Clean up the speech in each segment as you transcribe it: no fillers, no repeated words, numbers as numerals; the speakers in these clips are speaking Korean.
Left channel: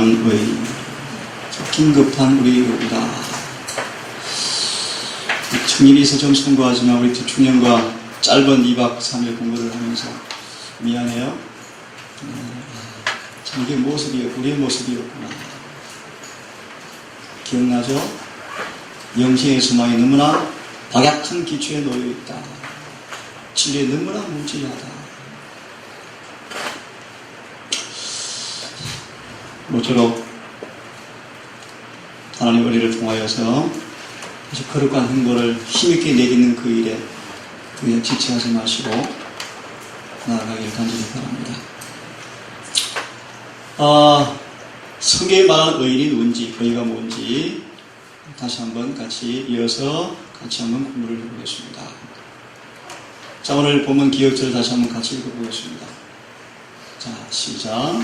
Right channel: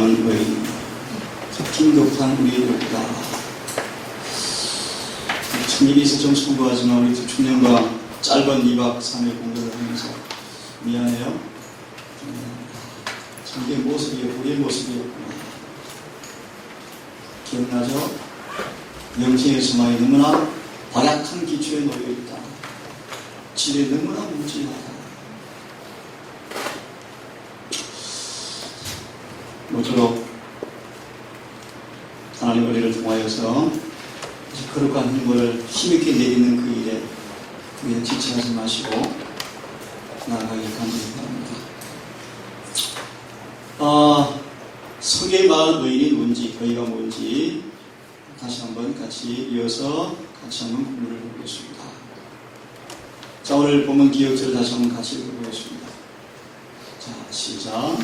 남은 의인, 긴급한 우리의 의다. 청일이 있어 좀 송구하지만 우리 청년과 짧은 2박 3일 공부를 하면서 미안해요. 참 이게 우리의 모습이었구나. 기억나죠? 영생의 소망이 너무나 박약한 기초에 놓여있다. 진리에 너무나 무지하다. 모쪼록 하나님 우리를 통하여서 거룩한 행보를 힘있게 내딛는 그 일에 그에 지체하지 마시고 나아가기를 간절히 바랍니다. 성경에 말하는 의인이 누군지, 의가 뭔지 다시 한번 같이 이어서 같이 한번 공부를 해보겠습니다. 자, 오늘 본문 기억절을 다시 한번 같이 읽어보겠습니다. 자, 시작.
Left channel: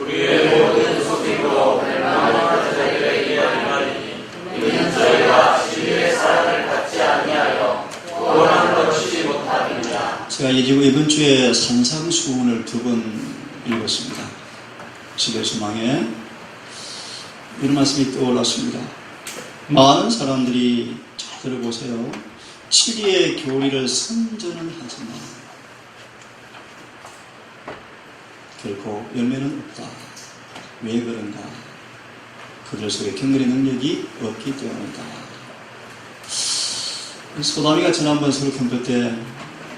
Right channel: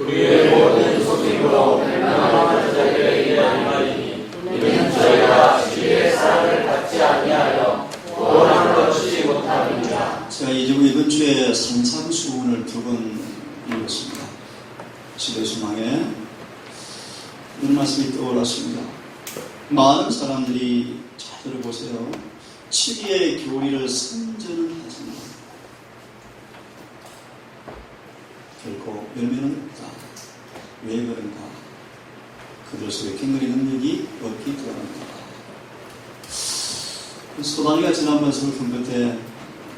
우리의 모든 소식으로 멸망하는 자들의 이야기하니 이는 저희가 진리의 사랑을 받지 아니하여 구원함을 얻지 못함이니라. 제가 이번 주에 산상수훈을 2번 읽었습니다. 집의 소망에 이런 말씀이 떠올랐습니다. 많은 사람들이 잘 들어보세요. 7위의 교리를 선전은 하지만 결코 열매는 없다. 왜 그런가? 그들 속에 경건의 능력이 없기 때문이다. 소담이가 지난번 서울 캠프 때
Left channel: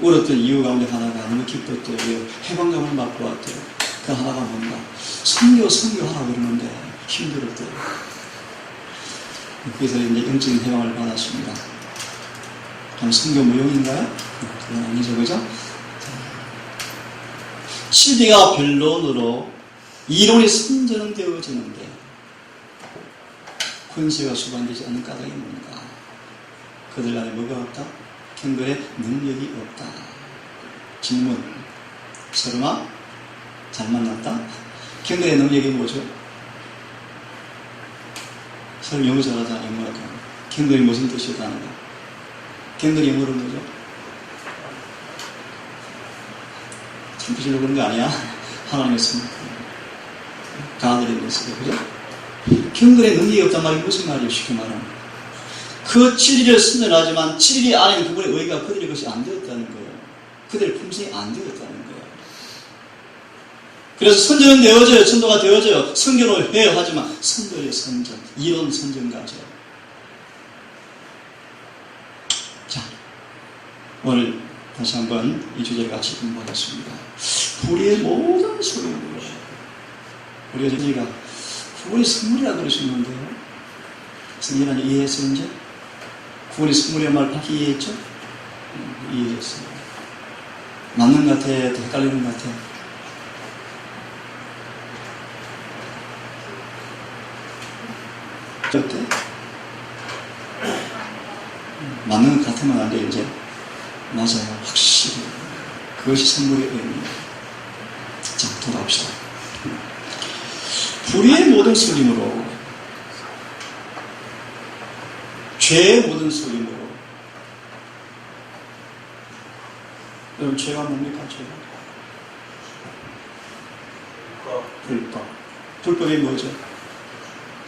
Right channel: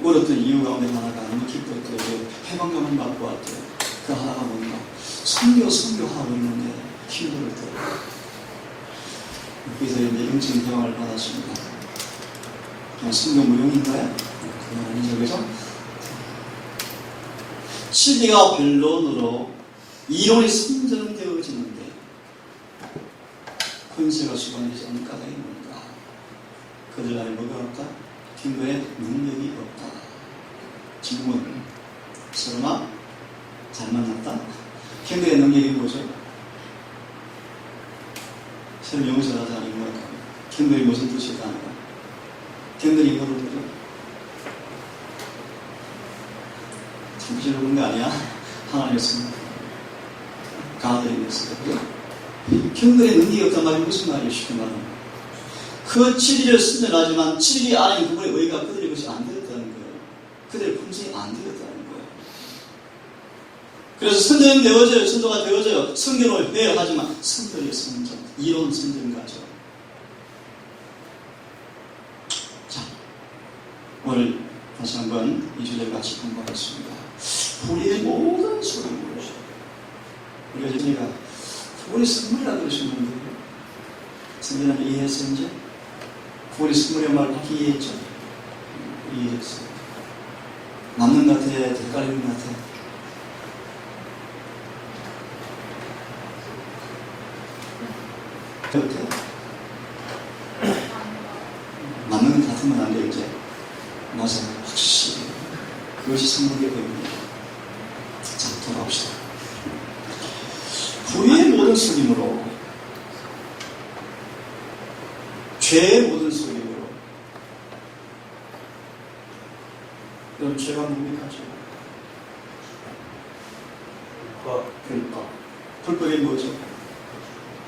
울었던 이유 가운데 하나가 너무 기뻤대요. 해방감을 맛보았대요. 그 하나가 뭔가? 선교하라고 그러는데 힘들었대요. 그래서 이제 영적인 해방을 받았습니다. 선교 무용인가요? 아니죠, 그죠? 실리가 변론으로 이론이 선전은 되어지는데 권세가 수반되지 않는 까닭이 뭔가? 그들 안에 뭐가 없다? 경건의 능력이 없다. 질문. 설마 잘 만났다? 경건의 능력이 뭐죠? 설마 영어로 하자 영어로 경건이 무슨 뜻이었다? 경건이 영어로 뭐죠? 참으시려고 그런 거 아니야? 하나님의 성 가들의 메시지, 그죠? 경건의 능력이 없단 말이 무슨 말이에요? 쉽게 말하면 그 진리를 선전하지만 진리 안에 그분의 의가 그들의 것이 안 되었다는 거예요. 그들의 품성이 안 되었다는 거예요. 그래서 선전은 되어져요. 전도가 되어져요. 선교를 해요. 하지만 선전의 선전, 이론 선전가죠. 자, 오늘 다시 한번 이 주제를 같이 공부하겠습니다. 불의의 모든 소리로 우리가 저희가 구원의 선물이라고 그러셨는데요. 성경은 이해했어요, 이제? 구원의 선물의 말 밖에 이해했죠? 이해했어요. 맞는 것 같아? 헷갈리는 것 같아? 어때? 맞는 것 같으면 안 돼, 이제? 맞아요. 확실히. 그것이 선물의 의미입니다. 자, 돌아옵시다. 불의의 모든 소림으로, 죄의 모든 소림으로. 여러분, 죄가 뭡니까? 죄가? 불법. 불법이 뭐죠?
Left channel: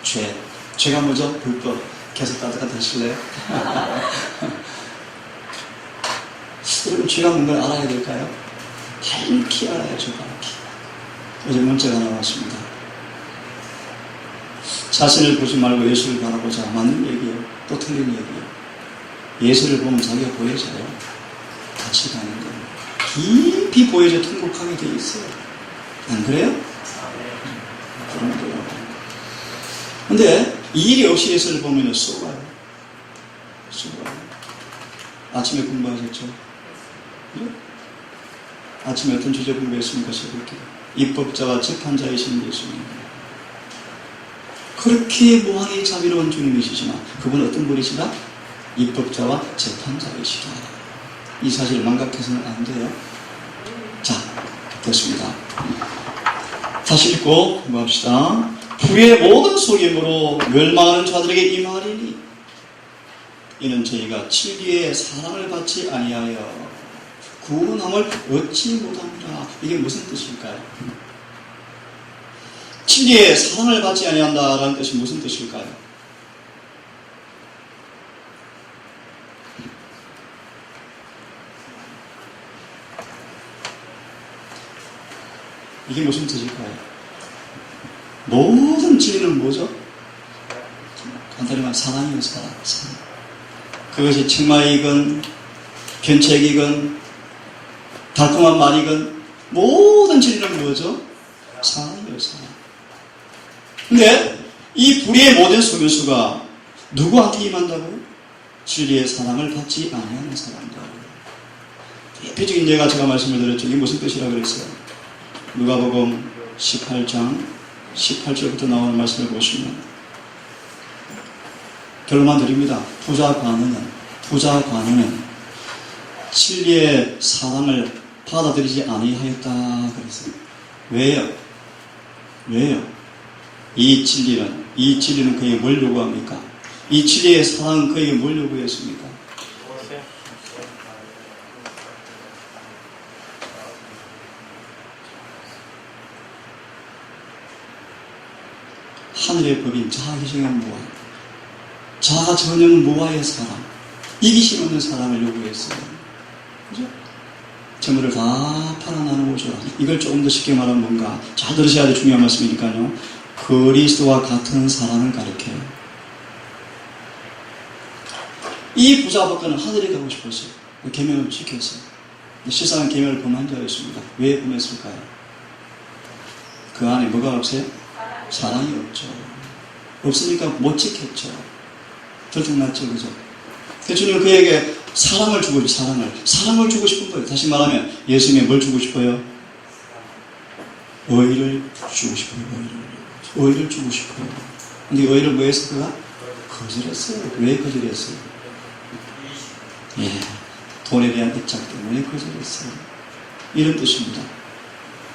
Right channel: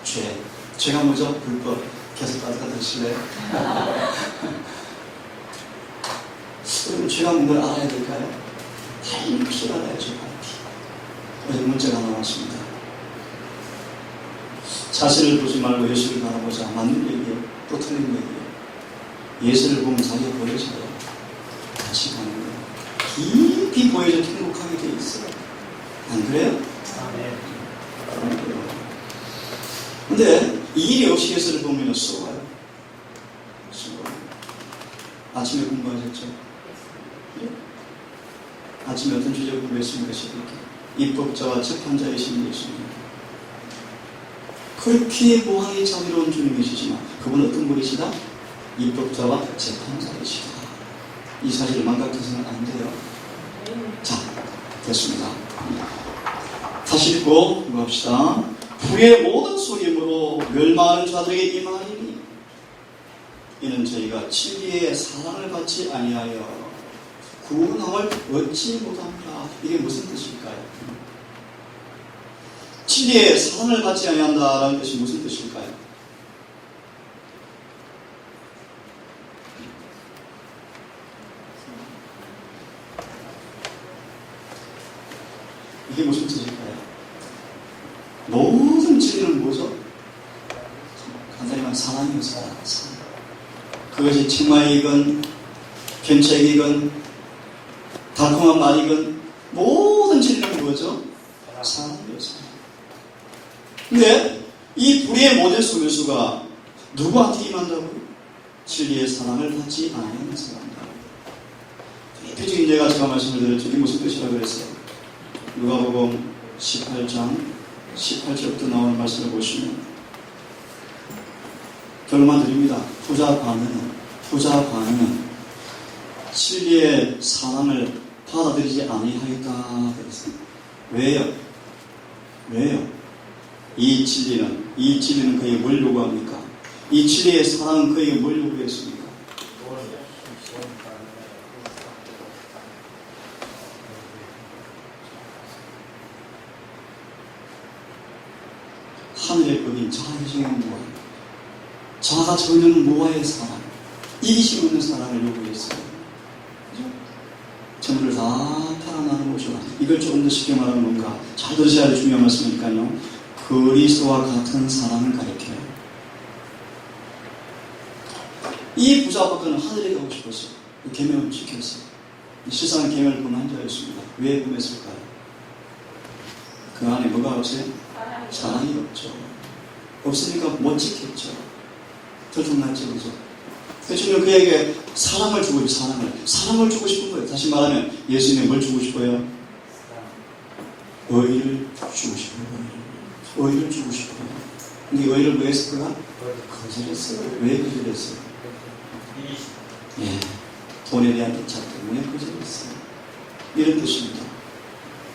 죄. 죄가 뭐죠? 불법. 계속 따뜻하게 들으실래요? 여러분, 죄가 뭔가를 알아야 될까요? 밝히 알아야죠, 밝히. 어제 문자가 하나 왔습니다. 자신을 보지 말고 예수를 바라보자. 맞는 얘기예요. 또 틀린 얘기예요. 예수를 보면 자기가 보여져요. 같이 가는 거예요. 깊이 보여져 통곡하게 돼 있어요. 안 그래요? 그런 거예요. 근데 이 일이 없이 예수를 보면 쏘가요. 아침에 공부하셨죠? 네? 아침에 어떤 주제 공부했습니까? 새벽에 입법자와 재판자이신 예수님. 그렇게 무한히 자비로운 주님이시지만 그분은 어떤 분이시다? 입법자와 재판자이시다. 이 사실을 망각해서는 안 돼요. 자, 됐습니다. 다시 읽고 공부합시다. 불의의 모든 속임으로 멸망하는 자들에게 이 말이니 이는 저희가 진리의 사랑을 받지 아니하여 구원함을 얻지 못합니다. 이게 무슨 뜻일까요? 진리의 사랑을 받지 아니한다라는 뜻이 무슨 뜻일까요? 이게 무슨 뜻일까요? 모든 진리는 뭐죠? 간단히 말하면 사랑이요, 사랑. 그것이 책망이건 견책이건 달콤한 말이건 모든 진리는 뭐죠? 사랑이요, 사랑. 근데 이 불의의 모든 소멸수가 누구한테 임한다고요? 진리의 사랑을 받지 않는 사람들. 대표적인 예가 제가 말씀을 드렸죠. 이게 무슨 뜻이라고 그랬어요? 누가복음 18장 18절부터 나오는 말씀을 보시면 결론만 드립니다. 부자 관원은 진리의 사랑을 받아들이지 아니하였다 그랬어요. 왜요? 이 진리는 그에게 뭘 요구합니까? 이 진리의 사랑은 그에게 뭘 요구했습니까? 하늘의 법인 자기중의 무한, 자가 전혀 무아의 사람, 이기심 없는 사람을 요구했어요. 그죠? 재물을 다 팔아 나누고 줘라. 이걸 조금 더 쉽게 말하면 뭔가 잘 들으셔야 될 중요한 말씀이니까요. 그리스도와 같은 사람을 가리켜요. 이 부자박가는 하늘에 가고 싶었어요. 계명을 지켰어요. 실상은 계명을 범한 자였습니다. 왜 범했을까요? 그 안에 뭐가 없어요? 사랑이 없죠. 없으니까 못 지켰죠. 들통났죠, 그죠? 예수님은 그에게 사랑을 주고 사랑을 주고 싶은 거예요. 다시 말하면 예수님이 뭘 주고 싶어요? 의를 주고 싶어요. 의를 주고 싶어요. 근데 의를 뭐 했을까? 거절했어요. 왜 거절했어요? 돈에 대한 애착 때문에 거절했어요. 이런 뜻입니다.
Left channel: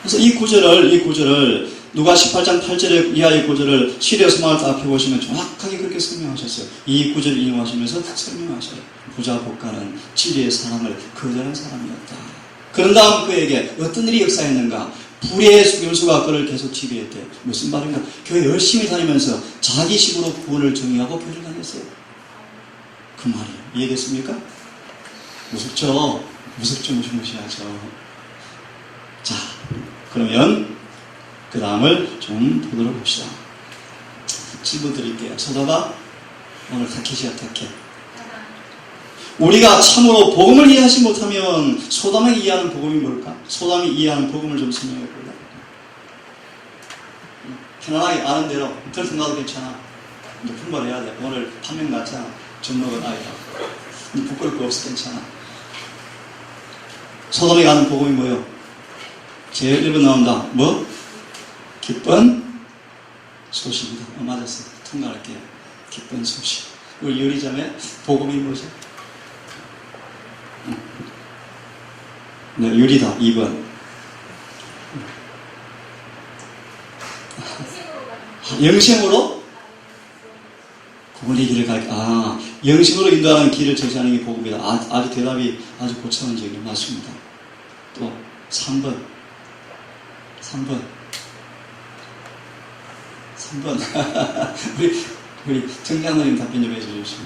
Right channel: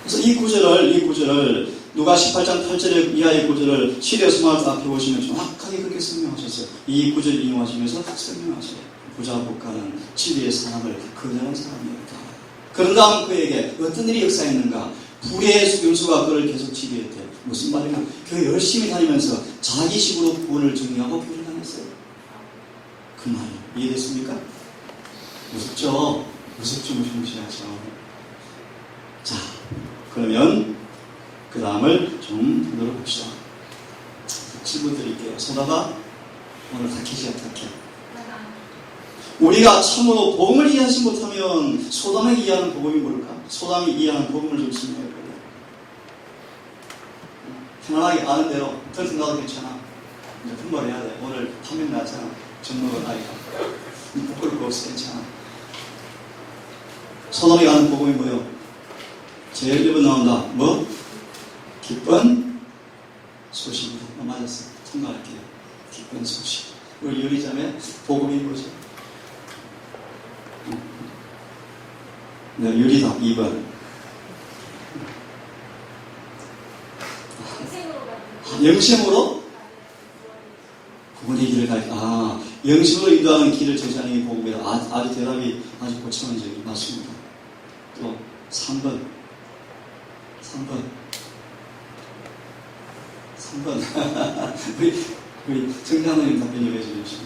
그래서 이 구절을 누가 18장 8절 이하의 구절을 시리아서만 앞에 보시면 정확하게 그렇게 설명하셨어요. 이 구절을 인용하시면서 설명하셔요. 부자 복가는 진리의 사랑을 거절한 사람이었다. 그런 다음 그에게 어떤 일이 역사했는가? 불의의 수금수가 그를 계속 지배했대요. 무슨 말인가? 교회 열심히 다니면서 자기 식으로 구원을 정의하고 교회를 다녔어요. 그 말이에요. 이해됐습니까? 무섭죠? 무시무시하죠. 자, 그러면 그 다음을 좀 보도록 합시다. 질문 드릴게요. 소다가 오늘 타켓이야, 타켓. 우리가 참으로 복음을 이해하지 못하면 소담이 이해하는 복음이 뭘까? 소담이 이해하는 복음을 좀 설명해 볼래요? 편안하게 아는 대로 들통 나도 괜찮아. 이제 분발해야 돼. 오늘 판명 났잖아. 전노가 나이가. 부끄러울 거 없어. 괜찮아. 소담이 가는 복음이 뭐예요? 제일 1번 나온다. 뭐? 기쁜 소식입니다. 맞았어. 통과할게요. 기쁜 소식. 우리 요리점에 복음이 뭐죠? 네, 유리다. 2번. 영심으로? 복음의 길을 영심으로 인도하는 길을 제시하는 게 복음이다. 아주 대답이 아주 고차원적인 맞습니다. 또 3번. 우리 정장로님 답변 좀 해주십시오.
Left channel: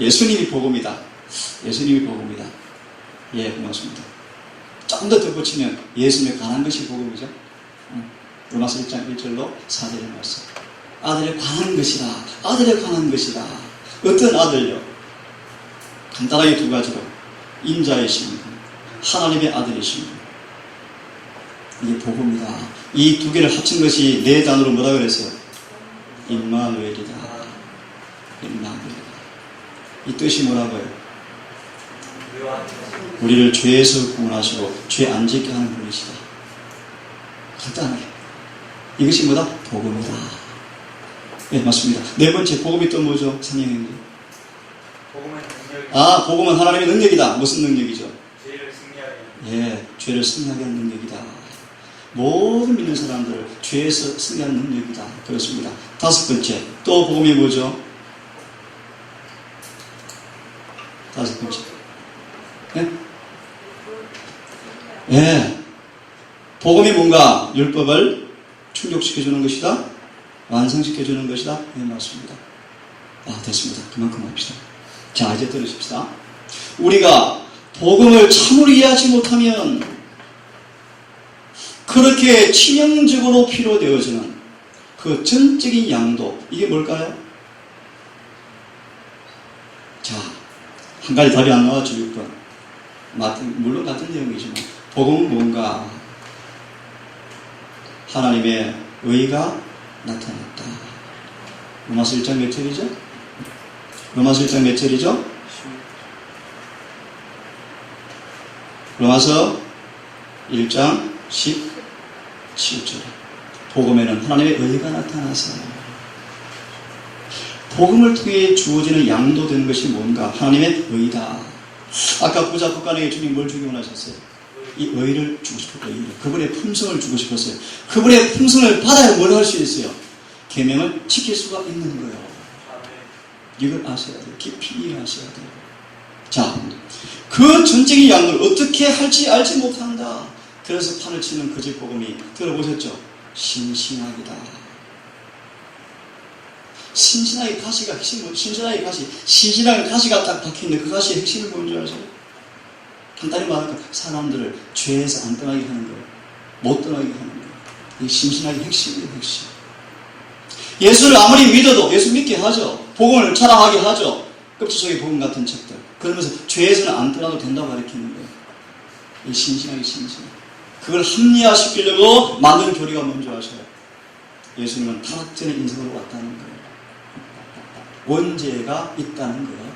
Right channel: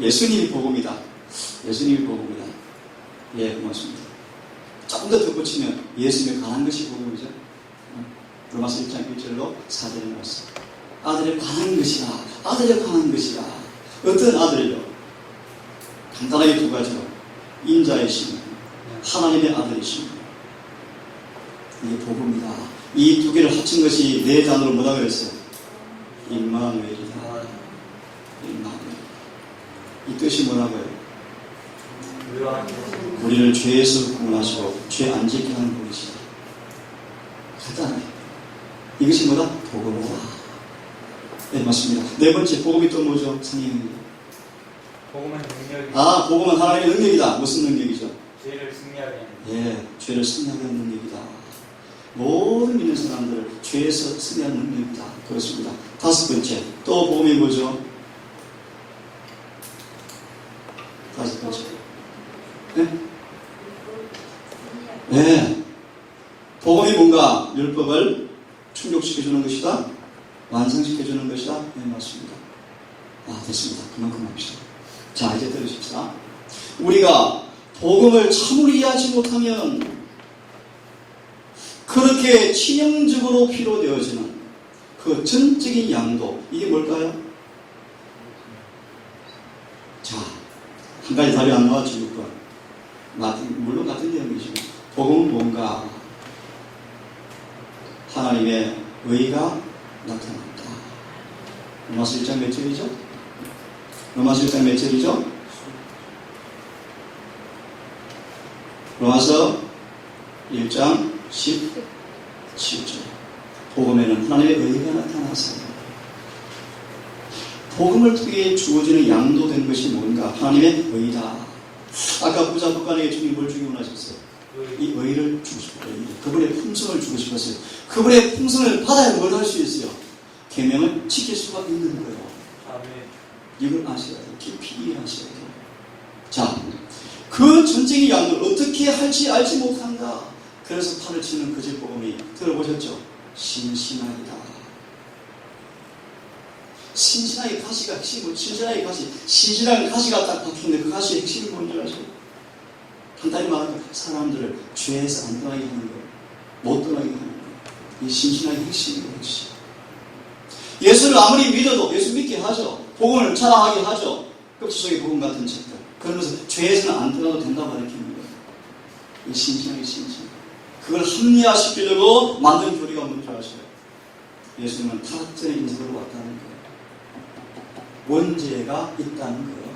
예수님이 복음이다. 예, 고맙습니다. 조금 더 덧붙이면 예수님에 관한 것이 복음이죠. 로마서 1장 1절로 4절을 말씀. 아들에 관한 것이다. 어떤 아들요? 간단하게 두 가지로. 인자이십니다. 하나님의 아들이십니다. 이게 복음이다. 이 두 개를 합친 것이 네 단어로 뭐라 그랬어요? 임마누엘이다. 이 뜻이 뭐라고요? 우리를 죄에서 구원하시고 죄 안 짓게 하는 분이시다. 간단하게. 이것이 뭐다? 복음이다. 네, 맞습니다. 네 번째, 복음이 또 뭐죠? 성령님. 복음은 능력이. 복음은 하나님의 능력이다. 무슨 능력이죠? 죄를 승리하게 하는. 예, 죄를 승리하게 하는 능력이다. 모든 믿는 사람들 죄에서 승리하는 능력이다. 그렇습니다. 다섯 번째, 또 복음이 뭐죠? 다섯 번째. 예? 복음이 뭔가? 율법을 충족시켜주는 것이다. 완성시켜주는 것이다. 네, 맞습니다. 됐습니다. 그만큼 합시다. 자, 이제 들으십시다. 우리가 복음을 참으로 이해하지 못하면 그렇게 치명적으로 필요되어지는 그 전적인 양도, 이게 뭘까요? 자, 한 가지 답이 안 나왔죠. 6번. 물론 같은 내용이지만 복음은 뭔가? 하나님의 의가 나타났다. 로마서 1장 몇 절이죠? 로마서 1장 몇 절이죠? 로마서 1장 17절. 복음에는 하나님의 의가 나타나서 복음을 통해 주어지는 양도되는 것이 뭔가? 하나님의 의다. 아까 부자 국간에게 주님 뭘 주기 원하셨어요? 이 의를 주고 싶었어요. 그분의 품성을 주고 싶었어요. 그분의 품성을 받아야 뭘 할 수 있어요? 계명을 지킬 수가 있는 거예요. 이걸 아셔야 돼요. 깊이 이해하셔야 돼요. 자, 그 전적인 양을 어떻게 할지 알지 못한다. 그래서 팔을 치는 거짓 복음이, 들어보셨죠? 신신하기다. 신신하게 가시가 핵심, 신신하게 가시가 딱 박혀있는데 그 가시의 핵심이 뭔지 아세요? 간단히 말하면 사람들을 죄에서 안 떠나게 하는 거예요. 못 떠나게 하는 거예요. 이 신신하게 핵심이에요, 핵심. 예수를 아무리 믿어도 예수 믿게 하죠. 복음을 자랑하게 하죠. 껍질 속의 복음 같은 책들. 그러면서 죄에서는 안 떠나도 된다고 가르치는 거예요. 이 신신하게 신신. 그걸 합리화시키려고 만든 교리가 뭔지 아셔요? 예수님은 타락전의 인생으로 왔다는 거예요. 원죄가 있다는 거예요.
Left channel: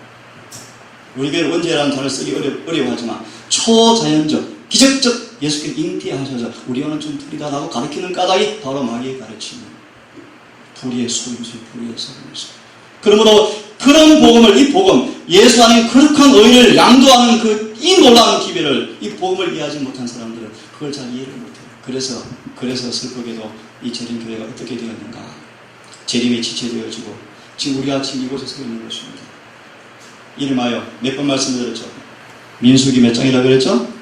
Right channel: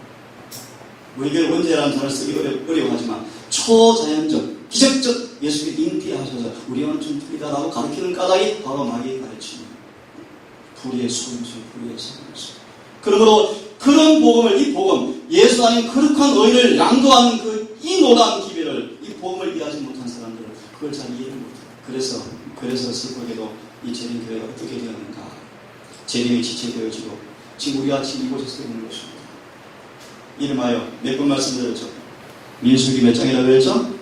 우리 교회 원죄라는 단어를 쓰기 어려워하지만 초자연적, 기적적 예수께서 잉태하셔서 우리와는 좀 틀리다라고 가르치는 까닭이 바로 마귀의 가르치는 불의의 속임수, 불의의 속임수. 그러므로 그런 복음을, 이 복음, 예수 안에 거룩한 의를 양도하는 그 이 놀라운 기별을, 이 복음을 이해하지 못한 사람들은 그걸 잘 이해를 못해요. 그래서 슬프게도 이 재림교회가 어떻게 되었는가. 재림이 지체되어지고 지금 우리가 지금 이곳에 서 있는 것입니다. 이름하여 몇 번 말씀드렸죠? 민수기 몇 장이라고 그랬죠?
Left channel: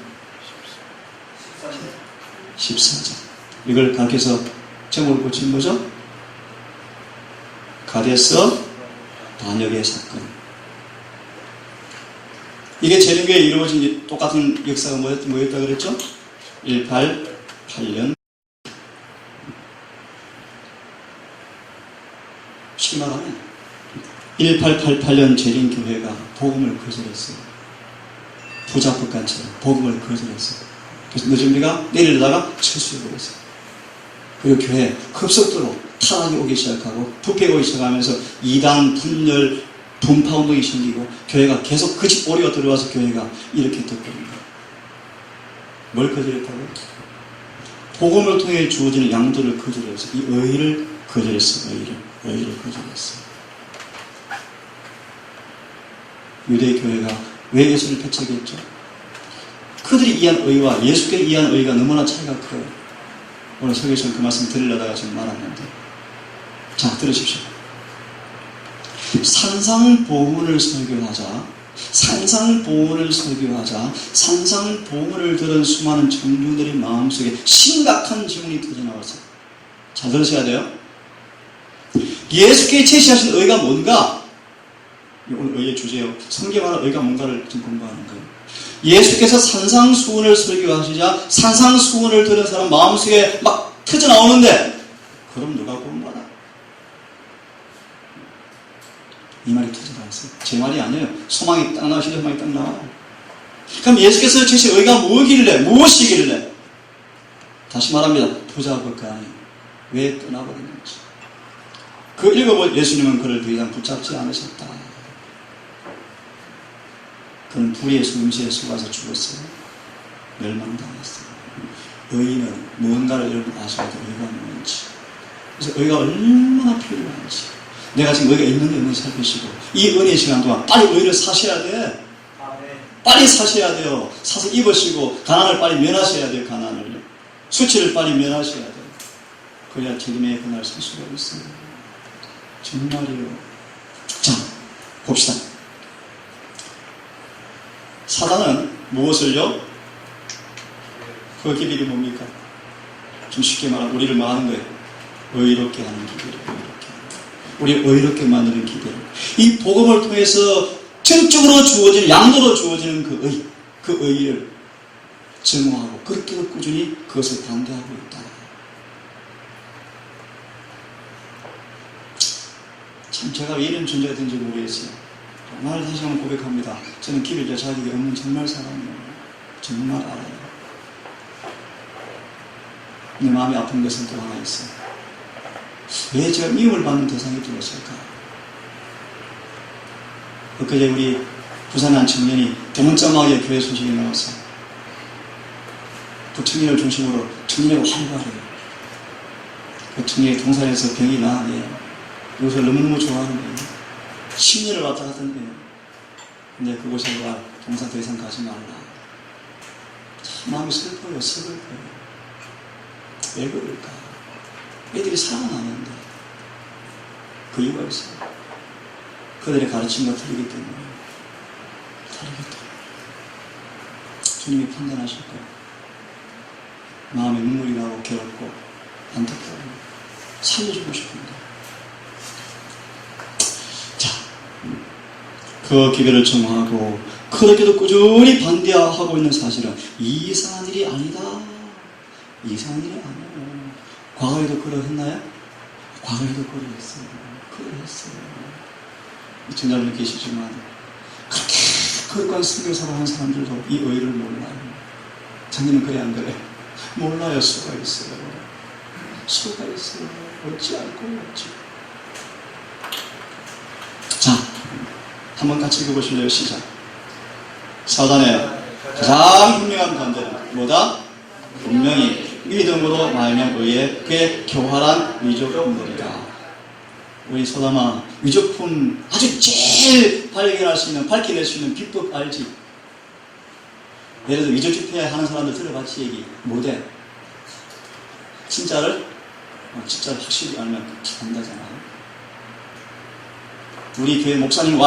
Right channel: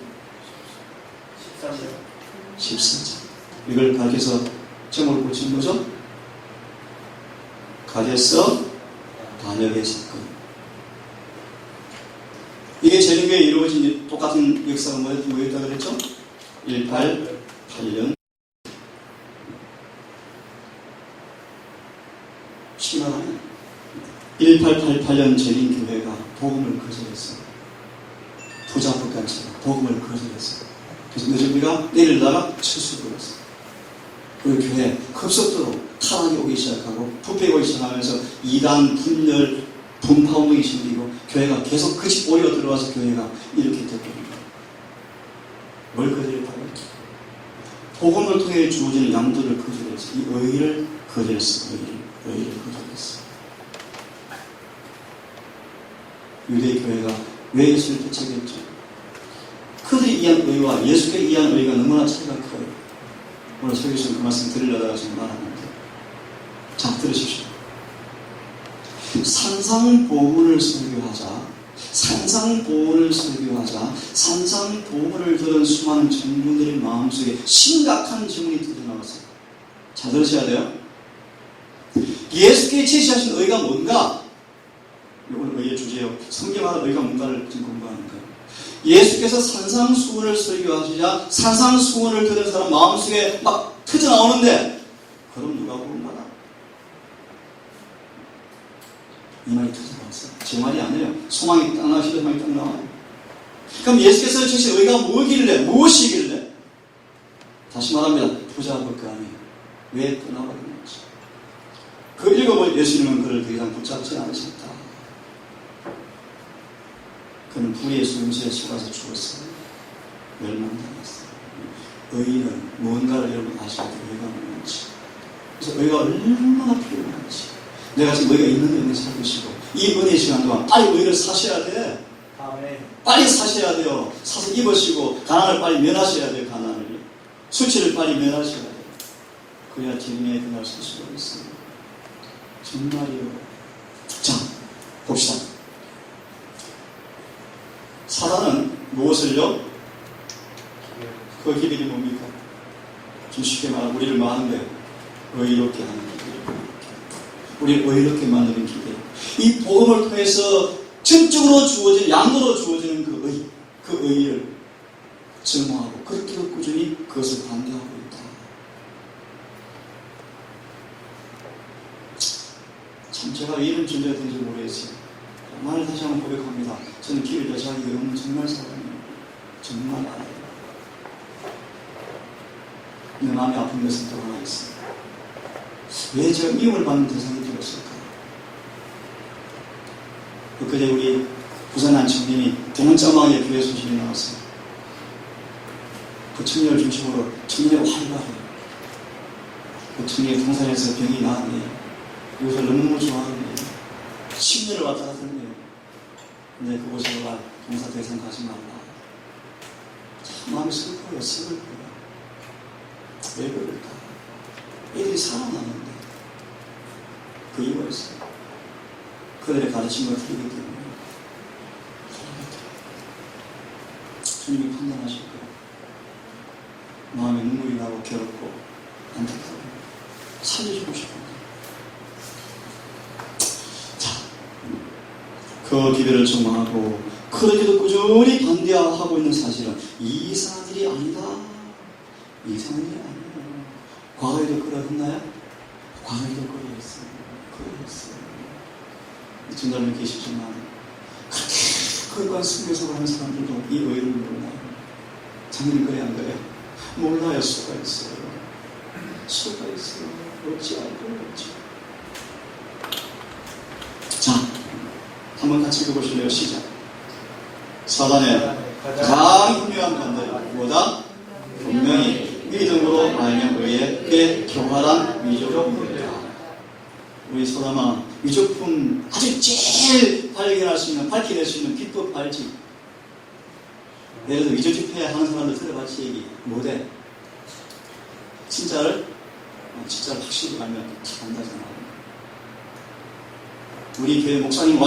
14장. 이걸 가르쳐서 제목을 붙인 거죠? 가데스 반역의 사건. 이게 재림교회에 이루어진 똑같은 역사가 뭐였다 그랬죠? 188년. 쉽게 말하면 1888년 재림교회가 복음을 거절했어요. 부자국간처럼 복음을 거절했어요. 그래서 늦은비가 내리려다가 철수해버렸어요. 그리고 교회에 급속도로 타락이 오기 시작하고 부패가 오기 시작하면서 이단, 분열, 분파운동이 생기고 교회가 계속 그 집 오리가 들어와서 교회가 이렇게 됐거든요. 뭘 거절했다고요? 복음을 통해 주어지는 양도를 거절했어요. 이 의를 거절했어요. 의를 거절했어요. 유대교회가 왜 예수를 배척했죠? 그들이 이해한 의와 예수께 이해한 의가 너무나 차이가 커요. 오늘 설교에서는 그 말씀 드리려다가 지금 말았는데, 자, 들으십시오. 산상보훈을 설교하자, 산상보훈을 들은 수많은 청중들의 마음속에 심각한 질문이 터져나왔어요. 잘 들으셔야 돼요. 예수께 제시하신 의가 뭔가? 오늘 의의 주제요. 성경 안에 의가 뭔가를 좀 공부하는 거예요. 예수께서 산상수훈을 설교하시자 산상수훈을 들은 사람 마음속에 막 터져나오는데, 그럼 누가 구원받아? 이 말이 터져나왔어요. 제 말이 아니에요. 소망이 딱 나오시는 소망이 딱 나와요. 그럼 예수께서 제시한 의가 무엇이길래? 다시 말합니다. 부자 법관이 왜 떠나버리는지. 그 읽어볼 예수님은 그를 더 이상 붙잡지 않으셨다. 그는 불의의 속임수에 속아서 죽었어요. 멸망당했어요. 의는 무언가를 여러분 아셔야 돼요. 의가 뭔지. 그래서 의가 얼마나 필요한지. 내가 지금 의가 있는 의는 살피시고 이 은혜의 시간 동안 빨리 의를 사셔야 돼. 아멘. 빨리 사셔야 돼요. 사서 입으시고 가난을 빨리 면하셔야 돼요. 가난을. 수치를 빨리 면하셔야 돼요. 그래야 재림의 그날 설 수가 있어요. 정말이요. 자, 봅시다. 사단은 무엇을요? 그 기별이 뭡니까? 좀 쉽게 말하면 우리를 뭐 하는 거예요? 의롭게 하는 기대를 의롭게 하는 우리 의롭게 만드는 기대. 이 복음을 통해서 전적으로 주어지는 양도로 주어지는 그 의를 증오하고 그렇게도 꾸준히 그것을 반대하고 있다. 참 제가 왜 이런 존재가 된지 모르겠어요. 정말 다시 한번 고백합니다. 저는 길을 여자하기 없는 정말 사람이에요. 정말 알아요. 내 마음이 아픈 것은 또 하나 있어요. 왜 제가 미움을 받는 대상이 되었을까? 엊그제 우리 부산 한 청년이 대문짝하게 교회 소식이 나왔어요. 그 청년을 중심으로 청년이 활발해요. 그 청년이 동산에서 병이 나네. 이것을 너무너무 좋아하는 10년을 왔다 갔다 했네요. 근데 그곳에 와 동사 더 이상 가지 말라. 참 마음이 슬퍼요. 슬퍼요. 왜 그럴까? 애들이 살아나는데 그 이유가 있어요. 그들의 가르침과 틀리기 때문에. 주님이 판단하실 거예요. 마음에 눈물이 나고 괴롭고 안타까워 살려주고 싶은데. 자, 그 기별을 청구하고 그렇게도 꾸준히 반대하고 있는 사실은 이상한 일이 아니다. 이상한 일이 아니에요. 과거에도 그러했나요? 과거에도 그러했어요. 그러했어요. 청자분 계시지만 그렇게 거룩한 선교사를 한 사람들도 이 의를 몰라요. 자기는 그래 안 그래? 몰라요. 수가 있어요. 수가 있어요. 어찌 알고 어찌. 자, 한번 같이 읽어보실래요? 시작. 사단의 가장 분명한 반대 뭐다? 분명히 믿음으로 말미암아 의에 그의 교활한 위조품들이다. 우리 소담아, 위조품 아주 제일 발견할 수 있는, 밝혀낼 수 있는 비법 알지? 예를 들어 위조 집회 하는 사람들 들어봤지 얘기 못해. 진짜를 확실히 알면 잘한다잖아. 우리 교회 목사님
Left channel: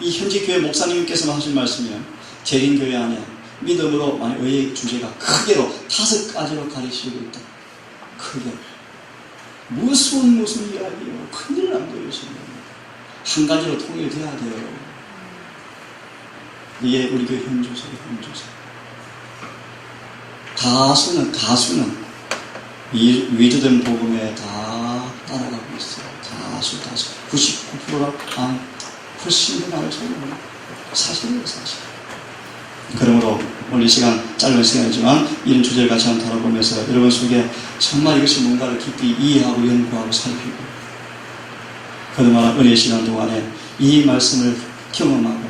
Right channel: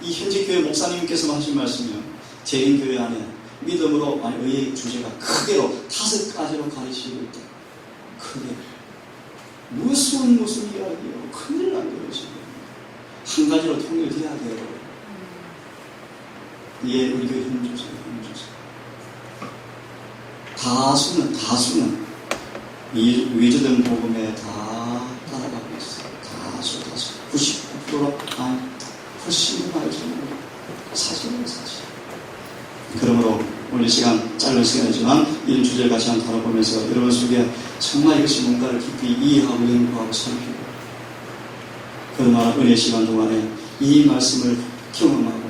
이 현지 교회 목사님께서 하신 말씀이요. 재림교회 안에 믿음으로 의의 주제가 크게로 5가지로 가르치고 있다. 크게. 무슨 이야기요. 큰일 난 거예요 지금. 한 가지로 통일돼야 돼요. 이게 우리 교회 현주소. 다수는 이 위조된 복음에 다 따라가고 있어요. 다수 99%가 훨씬 더 많을 정도로 사실이에요. 사실. 그러므로 오늘 이 시간 짧은 시간이지만 이런 주제를 같이 한번 다뤄보면서 여러분 속에 정말 이것이 뭔가를 깊이 이해하고 연구하고 살피고 그동안 은혜 시간 동안에 이 말씀을 경험하고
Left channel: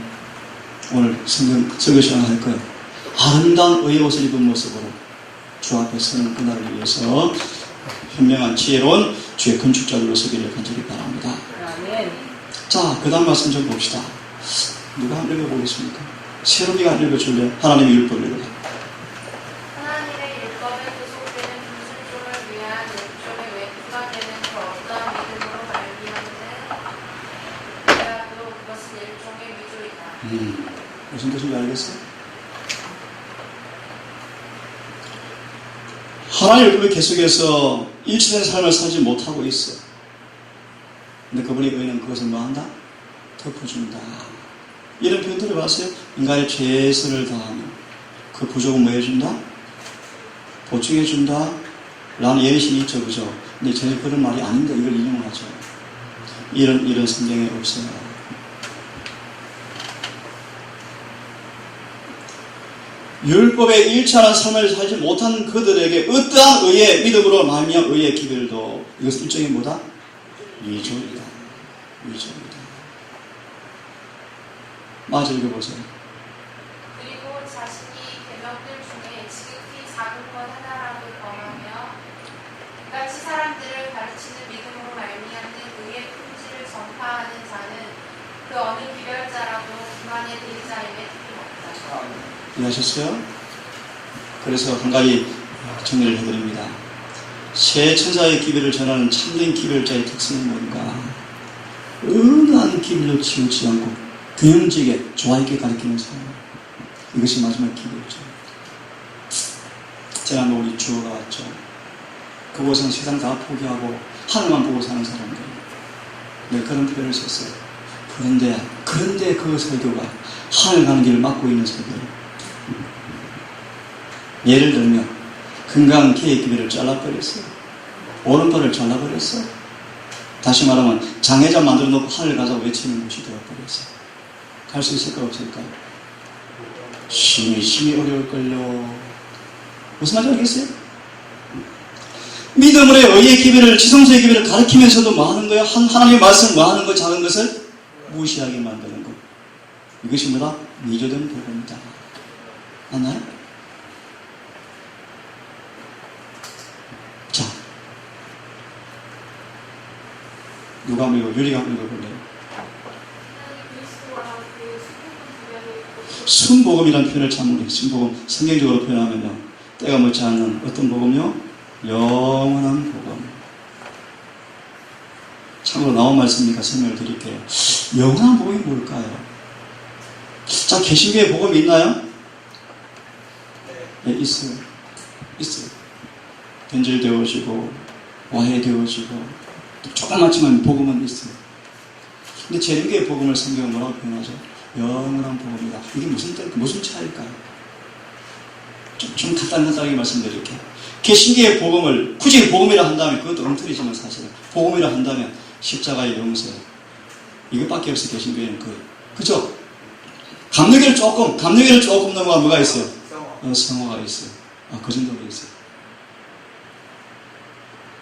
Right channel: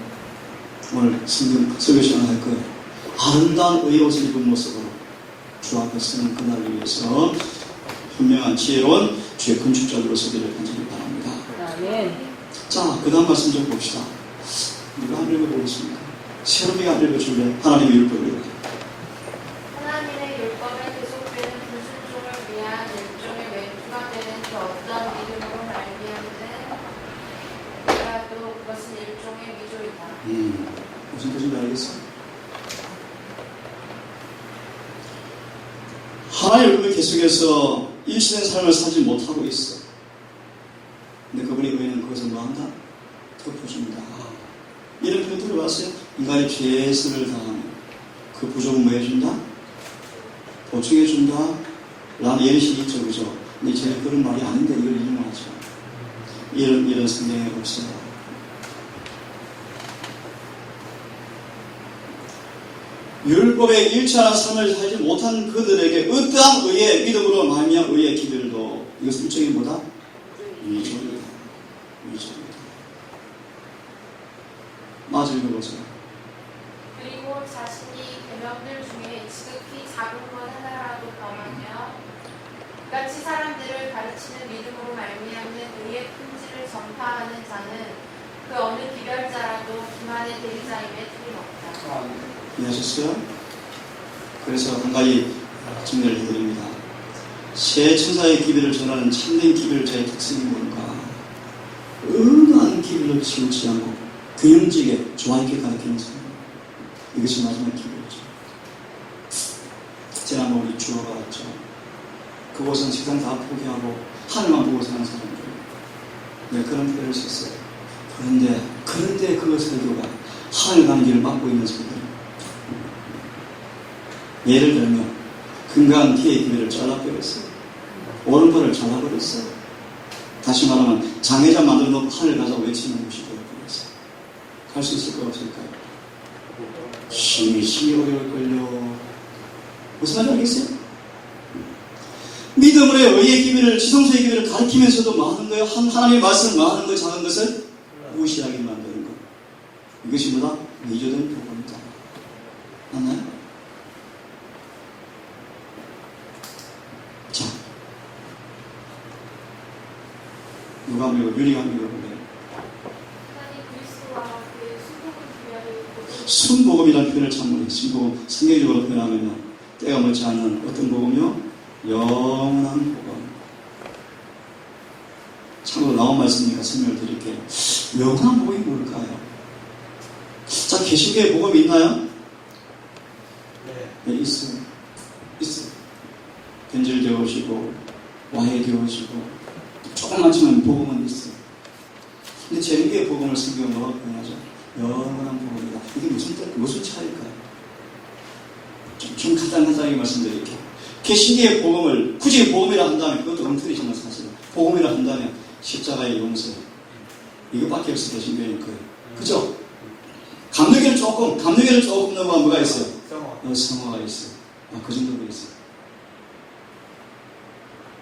오늘 설교 시간을 할 거예요. 아름다운 의로운 입은 모습으로 주 앞에 서는 그날을 위해서 현명한 지혜로운 주의 건축자들로 서기를 간절히 바랍니다. 자, 그 다음 말씀 좀 봅시다. 누가 한번 읽어보겠습니까? 새로미가 안 읽어줄래? 하나님의 율법을 읽어. 하나님의 율법에 구속되는 불순종을 위한 일종의 왼수가 되는 그 어떠한 믿음으로 말미암는 그라도 그것은 일종의 위조이다. 무슨 뜻인지 알겠어? 하나님의 율법을 계속해서 일치된 삶을 살지 못하고 있어. 근데 그분의 의는 그것을 뭐한다? 덮어준다. 이런 표현 들어봤어요? 인간의 죄수를 다하는 그 부족은 뭐 해준다? 보충해준다? 라는 예시이 있죠, 그죠? 근데 전혀 그런 말이 아닌데 이걸 인용하죠. 이런 성경에 없어요. 율법에 일치하는 삶을 살지 못한 그들에게 어떠한 의의 믿음으로 말미암아 의의 기별도 이것은 일종의 뭐다? 위조이다. 위조이다. 맞아, 읽어보세요. 그리고 자신이 계명들 중에 지극히 작은 것 하나라도 범하며 이같이 사람들을 가르치는 믿음으로 말미암는 의의 품질을 전파하는 자는 그 어느 기별자라도 그만의 대리자임에 틀림없다. 이해하셨어요? 그래서 한 가지 정리를 해드립니다. 새 천사의 기별을 전하는 참된 기별자의 특성은 뭔가? 어느 한 기별로 치우치 않고 균형지게 좋아있게 가르치는 사람. 이것이 마지막 기별이죠. 지난번 우리 주어가 왔죠. 그곳은 세상 다 포기하고 하늘만 보고 사는 사람들. 네, 그런 표현을 썼어요. 그런데 그 설교가 하늘 가는 길을 막고 있는 설교예요. 예를 들면 건강한 키의 기회를 잘라버렸어요. 오른팔을 잘라버렸어요. 다시 말하면 장애자 만들어 놓고 하늘 가자고 외치는 곳이 되어버렸어요. 갈 수 있을까 없을까요? 심히 어려울걸요. 무슨 말인지 알겠어요? 믿음으로 의의 기회를, 지성소의 기회를 가르치면서도 뭐 하는 거예요? 하나님의 말씀을 뭐 하는 거예요? 작은 것을 무시하게 만드는 거. 이것이 뭐다? 미조된 복음이다. 맞나요? 자, 누가 믿어? 유리가 믿어볼래요? 순복음이라는 표현을 참으로 순복음 성경적으로 표현하면요, 때가 묻지 않는 어떤 복음이요? 영원한 복음. 참고로 나온 말씀이니까 설명을 드릴게요. 영원한 복음이 뭘까요? 자, 개신교에 복음이 있나요? 네, 있어요. 변질되어지고 와해되어지고 조그맣지만 복음은 있어요. 근데 재림교의 복음을 성경은 뭐라고 표현하죠? 영원한 복음이다. 이게 무슨 차이일까요? 좀 간단하게 말씀드릴게요. 개신교의 복음을 굳이 복음이라 한다면 그것도 엉터리지만 사실은 복음이라 한다면 십자가의 용서 이것밖에 없어. 개신교에는 그죠? 감리교를 조금 넘어가 뭐가 있어요? 성화가 있어요. 그 정도로 있어요.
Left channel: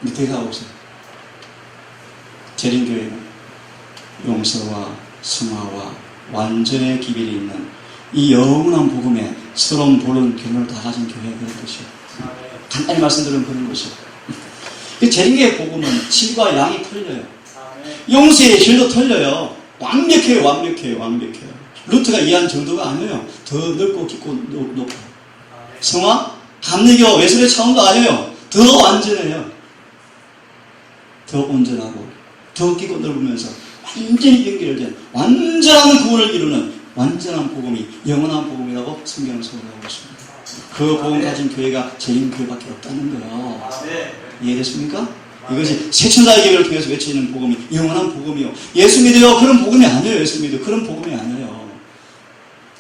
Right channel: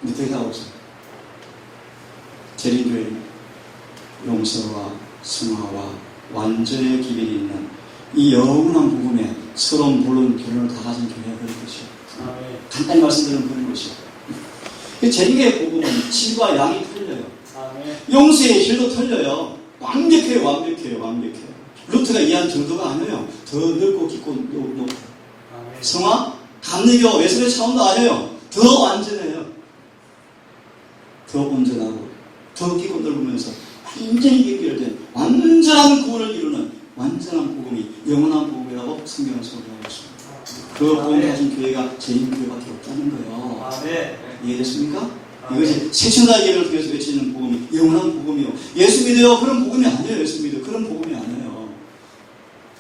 근데 더 이상 없어요. 재림교회는 용서와 성화와 완전의 기별이 있는 이 영원한 복음에 서러운 보는 결론을 다 가진 교회가 그런 것이에요. 간단히 말씀드리면 그런 것이에요. 재림교의 복음은 질과 양이 틀려요. 용서의 질도 틀려요. 완벽해요. 루트가 이해한 정도가 아니에요. 더 넓고 깊고 높고. 성화, 감리교, 외설의 차원도 아니에요. 더 완전해요. 더 온전하고 더 깊고 넓으면서 완전히 연결된 완전한 구원을 이루는 완전한 복음이 영원한 복음이라고 성경은 설명하고 있습니다. 그 복음 가진 교회가 재림교회밖에 없다는 거예요. 이해됐습니까? 이것이 새천사의 계획을 통해서 외치는 복음이 영원한 복음이요. 예수 믿어요. 그런 복음이 아니에요. 예수 믿어요. 그런 복음이 아니에요.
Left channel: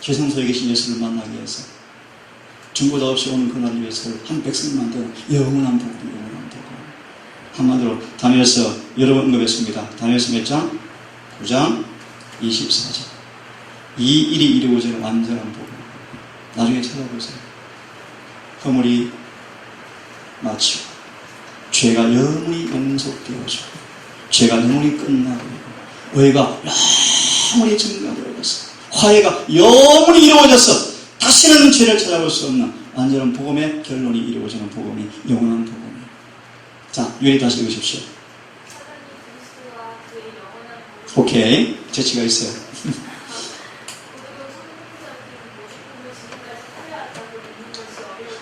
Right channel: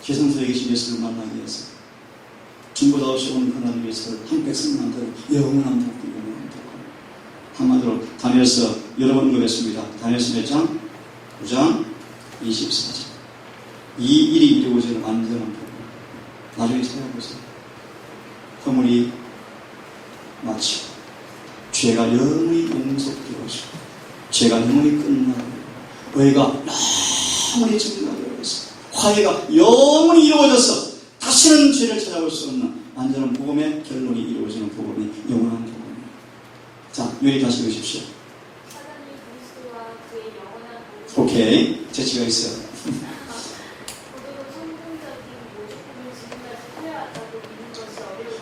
지성소에 계신 예수를 만나기 위해서 중보자 없이 오는 그날을 위해서 한 백성을 만든 영원한 복음. 한마디로 다니엘서 여러 번 언급했습니다. 다니엘서 몇 장? 9장 24절. 이 일이 이루어지는 완전한 복음. 나중에 찾아보세요. 허물이 마치고 죄가 영원히 용서되어지고 죄가 영원히 끝나고 의가 영원히 증가되어서 화해가 영원히 이루어져서 다시는 죄를 찾아볼 수 없는 완전한 복음의 결론이 이루어지는 복음이 영원한 복음. 자, 유리 다시 읽으십시오. 오케이, 재치가 있어요.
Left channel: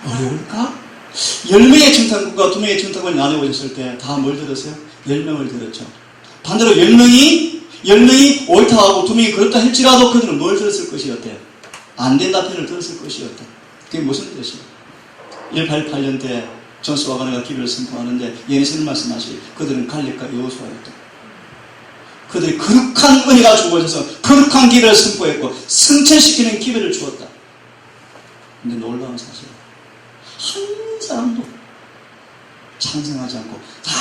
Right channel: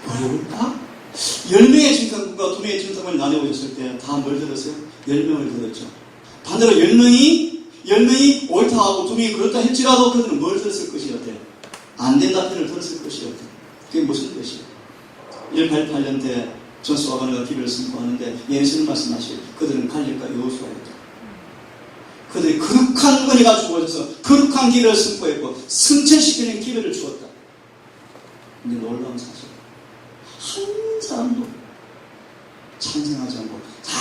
어려울까? 10명의 청탁국과 2명의 청탁을 나눠보셨을 때 다 뭘 들었어요? 10명을 들었죠. 반대로 10명이 옳다하고 2명이 그렇다 할지라도 그들은 뭘 들었을 것이었대요? 안 된다 편을 들었을 것이었다. 그게 무슨 뜻이에요? 1888년 때 전수와 가네가 기별을 선포하는데 예수님 말씀하시 그들은 갈렙과 여호수아였다. 그들이 거룩한 은혜가 주어져서 거룩한 기별을 선포했고 승천시키는 기별을 주었다. 근데 놀라운 사실, 한 사람도 찬성하지 않고 다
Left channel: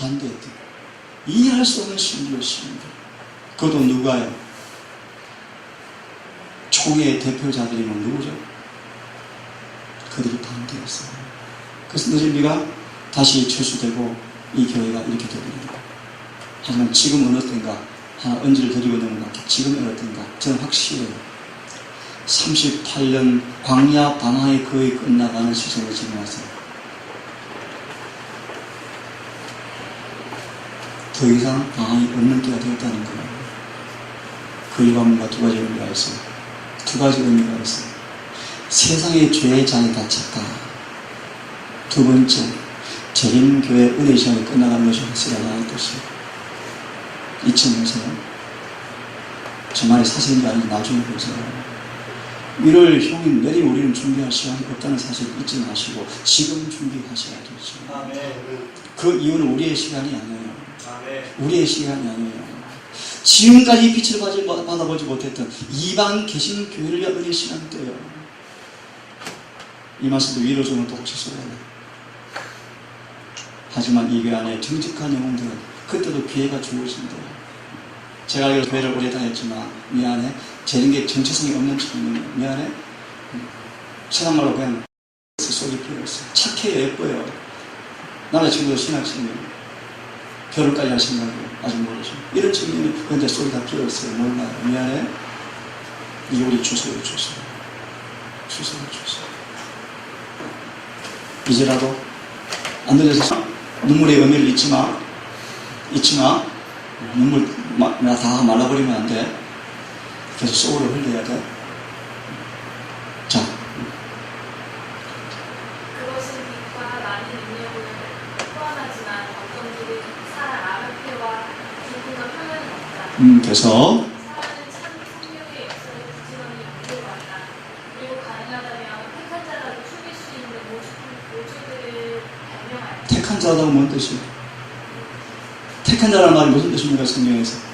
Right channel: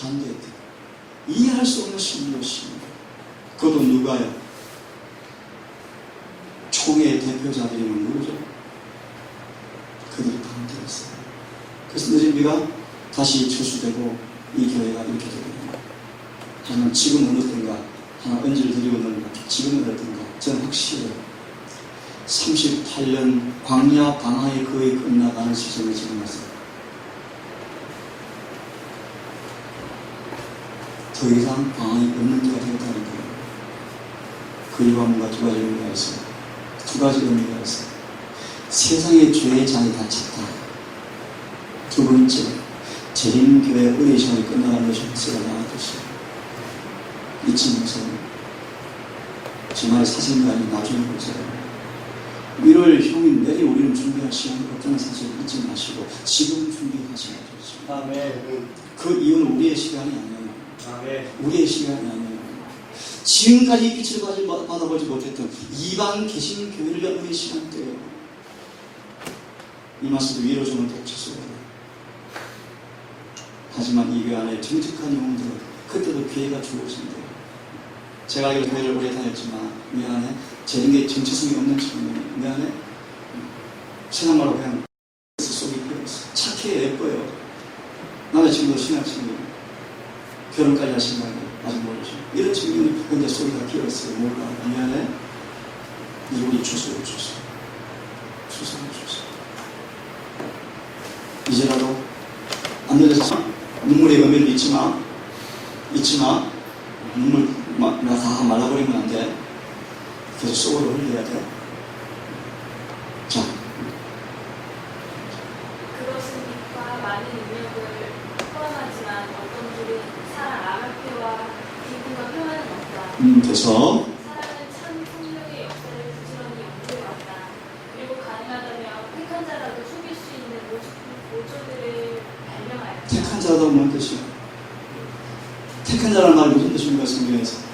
반대했대. 이해할 수 없는 신비였습니다. 그것도 누가요? 총회의 대표자들이면 누구죠? 그들이 반대했어요. 그래서 느림비가 다시 철수되고 이 교회가 이렇게 되거든요. 하지만 지금은 어떤가? 하나 언지를 드리고 있는 것 같아요. 지금은 어떤가? 저는 확실해요. 38년 광야 반화에 거의 끝나가는 시점을 지금 왔어요. 더 이상 방황이 없는 때가 되었다는 거예요. 그 이유가 뭔가 두 가지 의미가 있어요. 두 가지 의미가 있어요. 세상의 죄의 잔이 다 찼다. 두 번째, 재림교회 은혜 시간이 끝나가는 것이 확실하다 하는 뜻이에요. 잊지 마세요. 저 말이 사실이 아니라 나중에 보세요. 이를 형이 내일 우리는 준비할 시간이 없다는 사실 잊지 마시고 지금 준비하셔야 되죠. 아멘. 그 이유는 우리의 시간이 아니에요. 아멘. 우리의 시간이 아니에요. 지금까지 빛을 받아보지 못했던 이방 계신 교회를 여는 시간대예요. 이 말씀도 위로 주면 또 취소해요. 하지만 이 교회 안에 정직한 영혼들 그때도 기회가 주어진대요. 제가 알기로 교회를 오래 다녔지만 미안해 제게 정체성이 없는 친구는 미안해 신앙말로 그냥 속이 피어있어. 착해 예뻐요. 남자친구도 신앙친구 결혼까지 할 생각이 아직 모르죠. 이런 친구는 근데 속이 다 피어있어요. 몰라요. 미안해 이제 우리 주소를 줬어요. 이제라도 안 들려서 눈물의 의미를 잊지 마. 눈물 다 말라버리면 안 돼. 그래서 속으로 흘려야 돼. 자. 그것은 빛과 많은 능력을 포함하지만 어떤 분은 사랑 아가페와 기쁨과 평안은 없다. 그래서 사랑은 참 성령의 역사를 부지런히 연구하다. 그리고 가능하다면 택한 자라도 숨길 수 있는 모조들을 발명하다. 택한 자라도 뭔 뜻이에요? 택한 자라는 말이 무슨 뜻입니까? 성경에서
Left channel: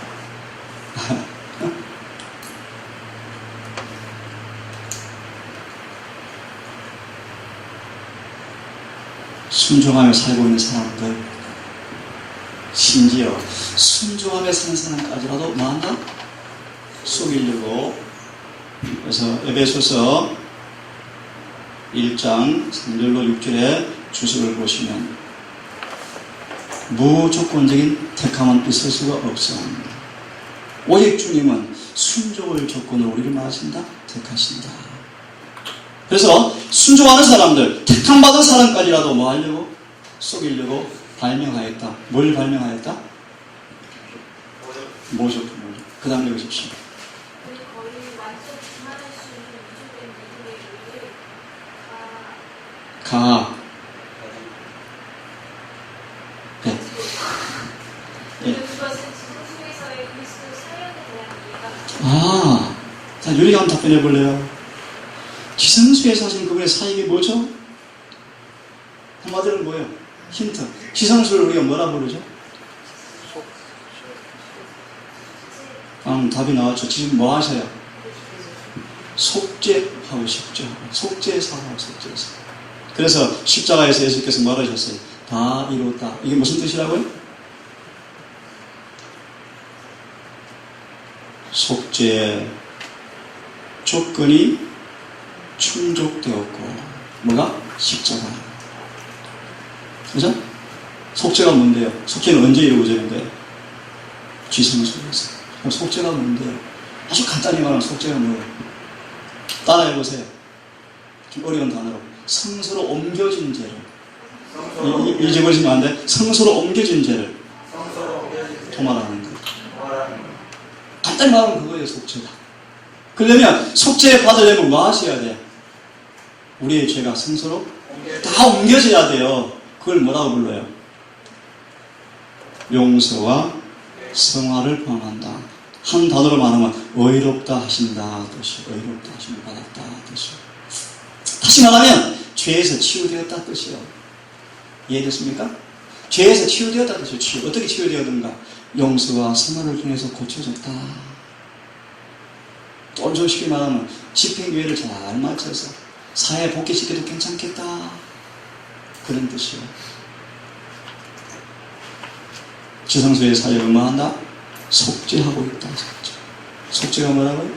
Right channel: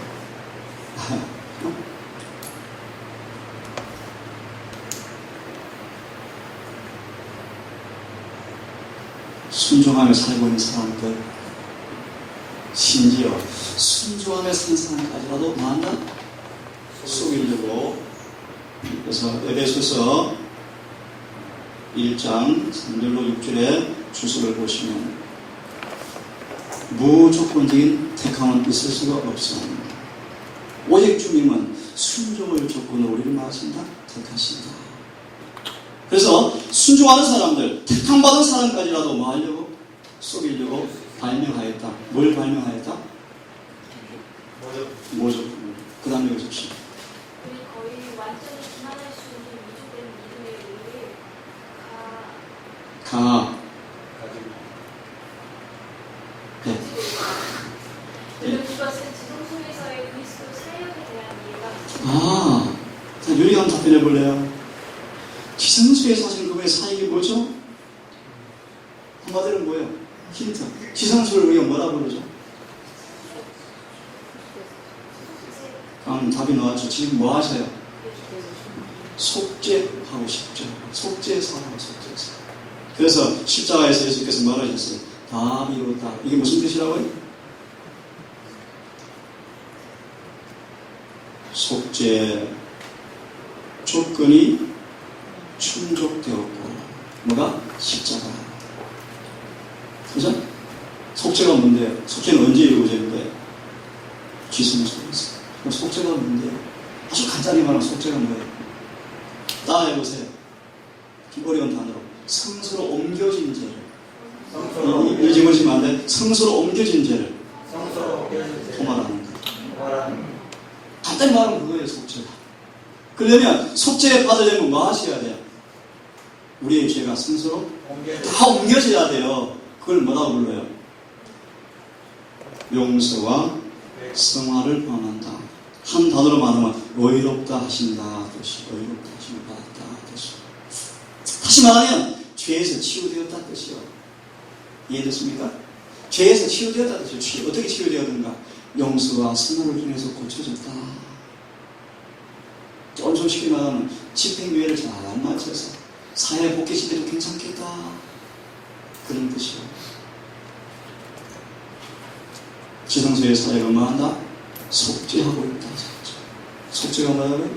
순종하며 살고 있는 사람들, 심지어 순종하며 사는 사람까지라도 뭐한다? 속이려고. 그래서 에베소서 1장 3절로 6절의 주석을 보시면 무조건적인 택함은 있을 수가 없습니다. 오직 주님은 순종을 조건으로 우리를 말하신다, 택하신다. 그래서 순종하는 사람들, 택함받은 사람까지라도 뭐 하려고? 속이려고 발명하였다. 뭘 발명하였다? 모조. 그 다음에 보십시오. 우리 거의 완전히 기만할 수 있는 위조된 믿음에 의해 그는 그것은 지성소에서의 그리스도 사역에 대한 이해가 자, 유리가 한번 답변해 볼래요? 지성소에서 하시는 그분의 사역이 뭐죠? 한마디로 뭐예요? 힌트. 지성소를 우리가 뭐라 부르죠? 답이 나왔죠. 지금 뭐 하셔요? 속죄하고 싶죠. 속죄사하고 속죄사. 그래서 십자가에서 예수께서 뭐라 하셨어요? 다 이뤘다. 이게 무슨 뜻이라고요? 속죄 조건이 충족되었고 뭐가? 십자가. 그죠? 속죄가 뭔데요? 속죄는 언제 이루어지는데? 지성소에서. 그럼 속죄가 뭔데요? 아주 간단히 말하면 속죄가 뭐예요? 따라해보세요. 좀 어려운 단어로. 성소로 옮겨진 죄를. 잊어버리시면 안 돼. 성소로 옮겨진 죄를 도말하는 거. 간단히 말하면 그거예요, 속죄가. 그러려면 속죄에 받으려면 뭐 하셔야 돼? 우리의 죄가 성소로 다 옮겨져야 돼요. 그걸 뭐라고 불러요? 용서와 성화를 범한다. 한 단어로 말하면 의롭다 하신다 뜻이. 의롭다 하심을 받았다 뜻이. 다시 말하면 죄에서 치유되었다 뜻이요. 이해됐습니까? 죄에서 치유되었다 뜻이요. 치유. 어떻게 치유되었는가? 용서와 성화를 통해서 고쳐졌다. 또 솔직히 말하면 집행유예를 잘 맞춰서 사회에 복귀시켜도 괜찮겠다. 그런 뜻이요. 지성소의 사역을 뭐 한다? 속죄하고 있다. 속죄가 뭐라고요?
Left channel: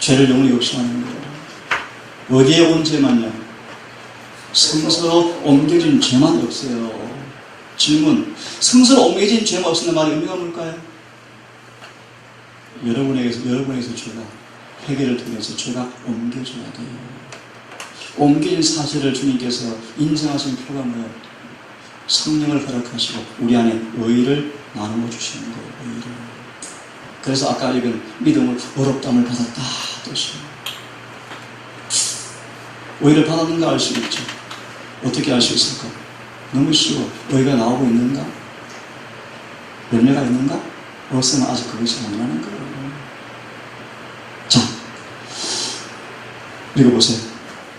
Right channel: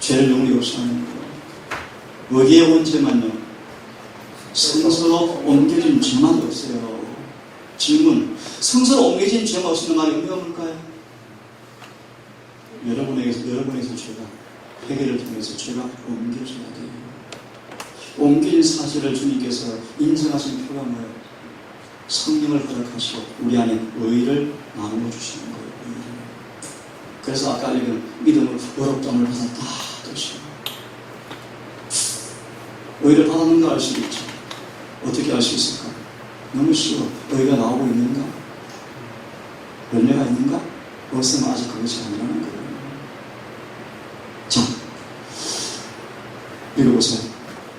죄를 영원히 없애하는 거예요. 어디에 온 죄만요? 성서로 옮겨진 죄만 없어요. 질문. 성서로 옮겨진 죄가 없으면 말의 의미가 뭘까요? 여러분에게서 죄가 회개를 통해서 죄가 옮겨져야 돼요. 옮긴 사실을 주님께서 인정하신 표가 뭐예요? 성령을 허락하시고 우리 안에 의를 나누어 주시는 거예요. 의를. 그래서 아까 읽은 믿음을 의롭다함을 받았다 뜻이에요. 의를 받았는가 알 수 있죠. 어떻게 알 수 있을까? 너무 쉬워. 의가 나오고 있는가? 열매가 있는가? 없으면 아직 그것이 아니라는 거예요. 자, 읽어보세요.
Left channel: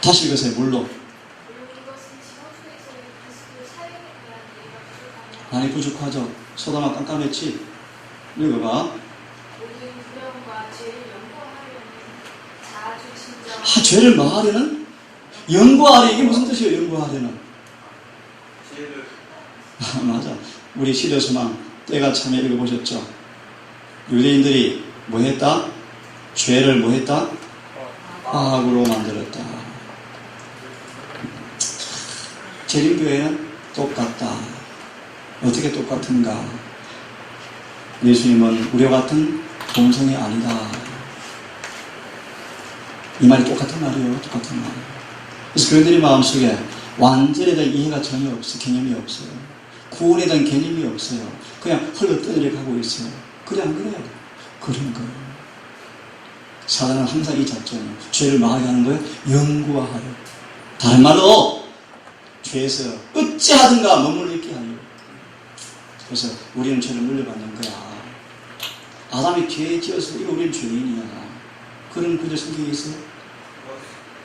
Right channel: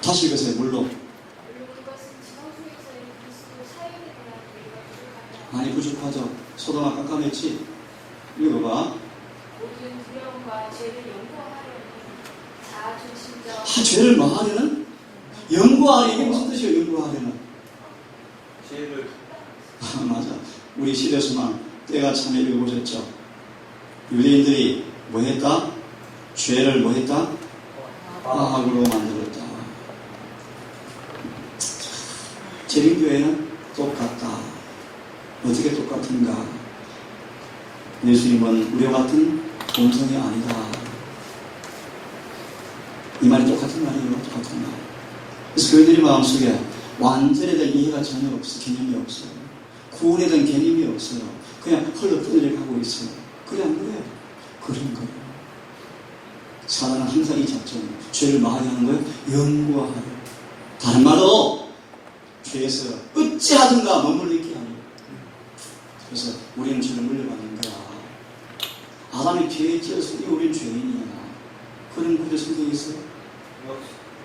다시 읽으세요. 물론. 물론 이것은 지상주에서의 그리스도의 사역에 대한 예가 부족하며 아니 부족하죠. 소돔아 깜깜했지. 읽어봐. 모든 두려움과 죄를 연구하려는 자아주 친정 아, 죄를 뭐하려는? 연구하려. 이게 무슨 뜻이에요? 연구하려는. 죄를 아, 맞아. 우리 시대소망 때가 참에 읽어보셨죠? 유대인들이 뭐 했다? 죄를 뭐 했다? 과학으로 만들었다. 재림교회는 똑같다. 어떻게 똑같은가? 예수님은 우리와 같은 본성이 아니다. 이 말이 똑같은 말이에요. 똑같은 말. 그래서 그들의 마음속에 완전에 대한 이해가 전혀 없어. 개념이 없어요. 구원에 대한 개념이 없어요. 그냥 흘러떠내려 가고 있어요. 그래 안 그래요? 그런 거예요. 사단은 항상 이 작전이에요. 죄를 마하게 하는 거예요. 연구하려. 다른 말로 죄에서 어찌하든가 머물러 있게 하려고. 그래서 우리는 죄를 물려받는 거야. 아담이 죄에 지어서 이거 우리는 죄인이야. 그런 그들 성경에 있어요?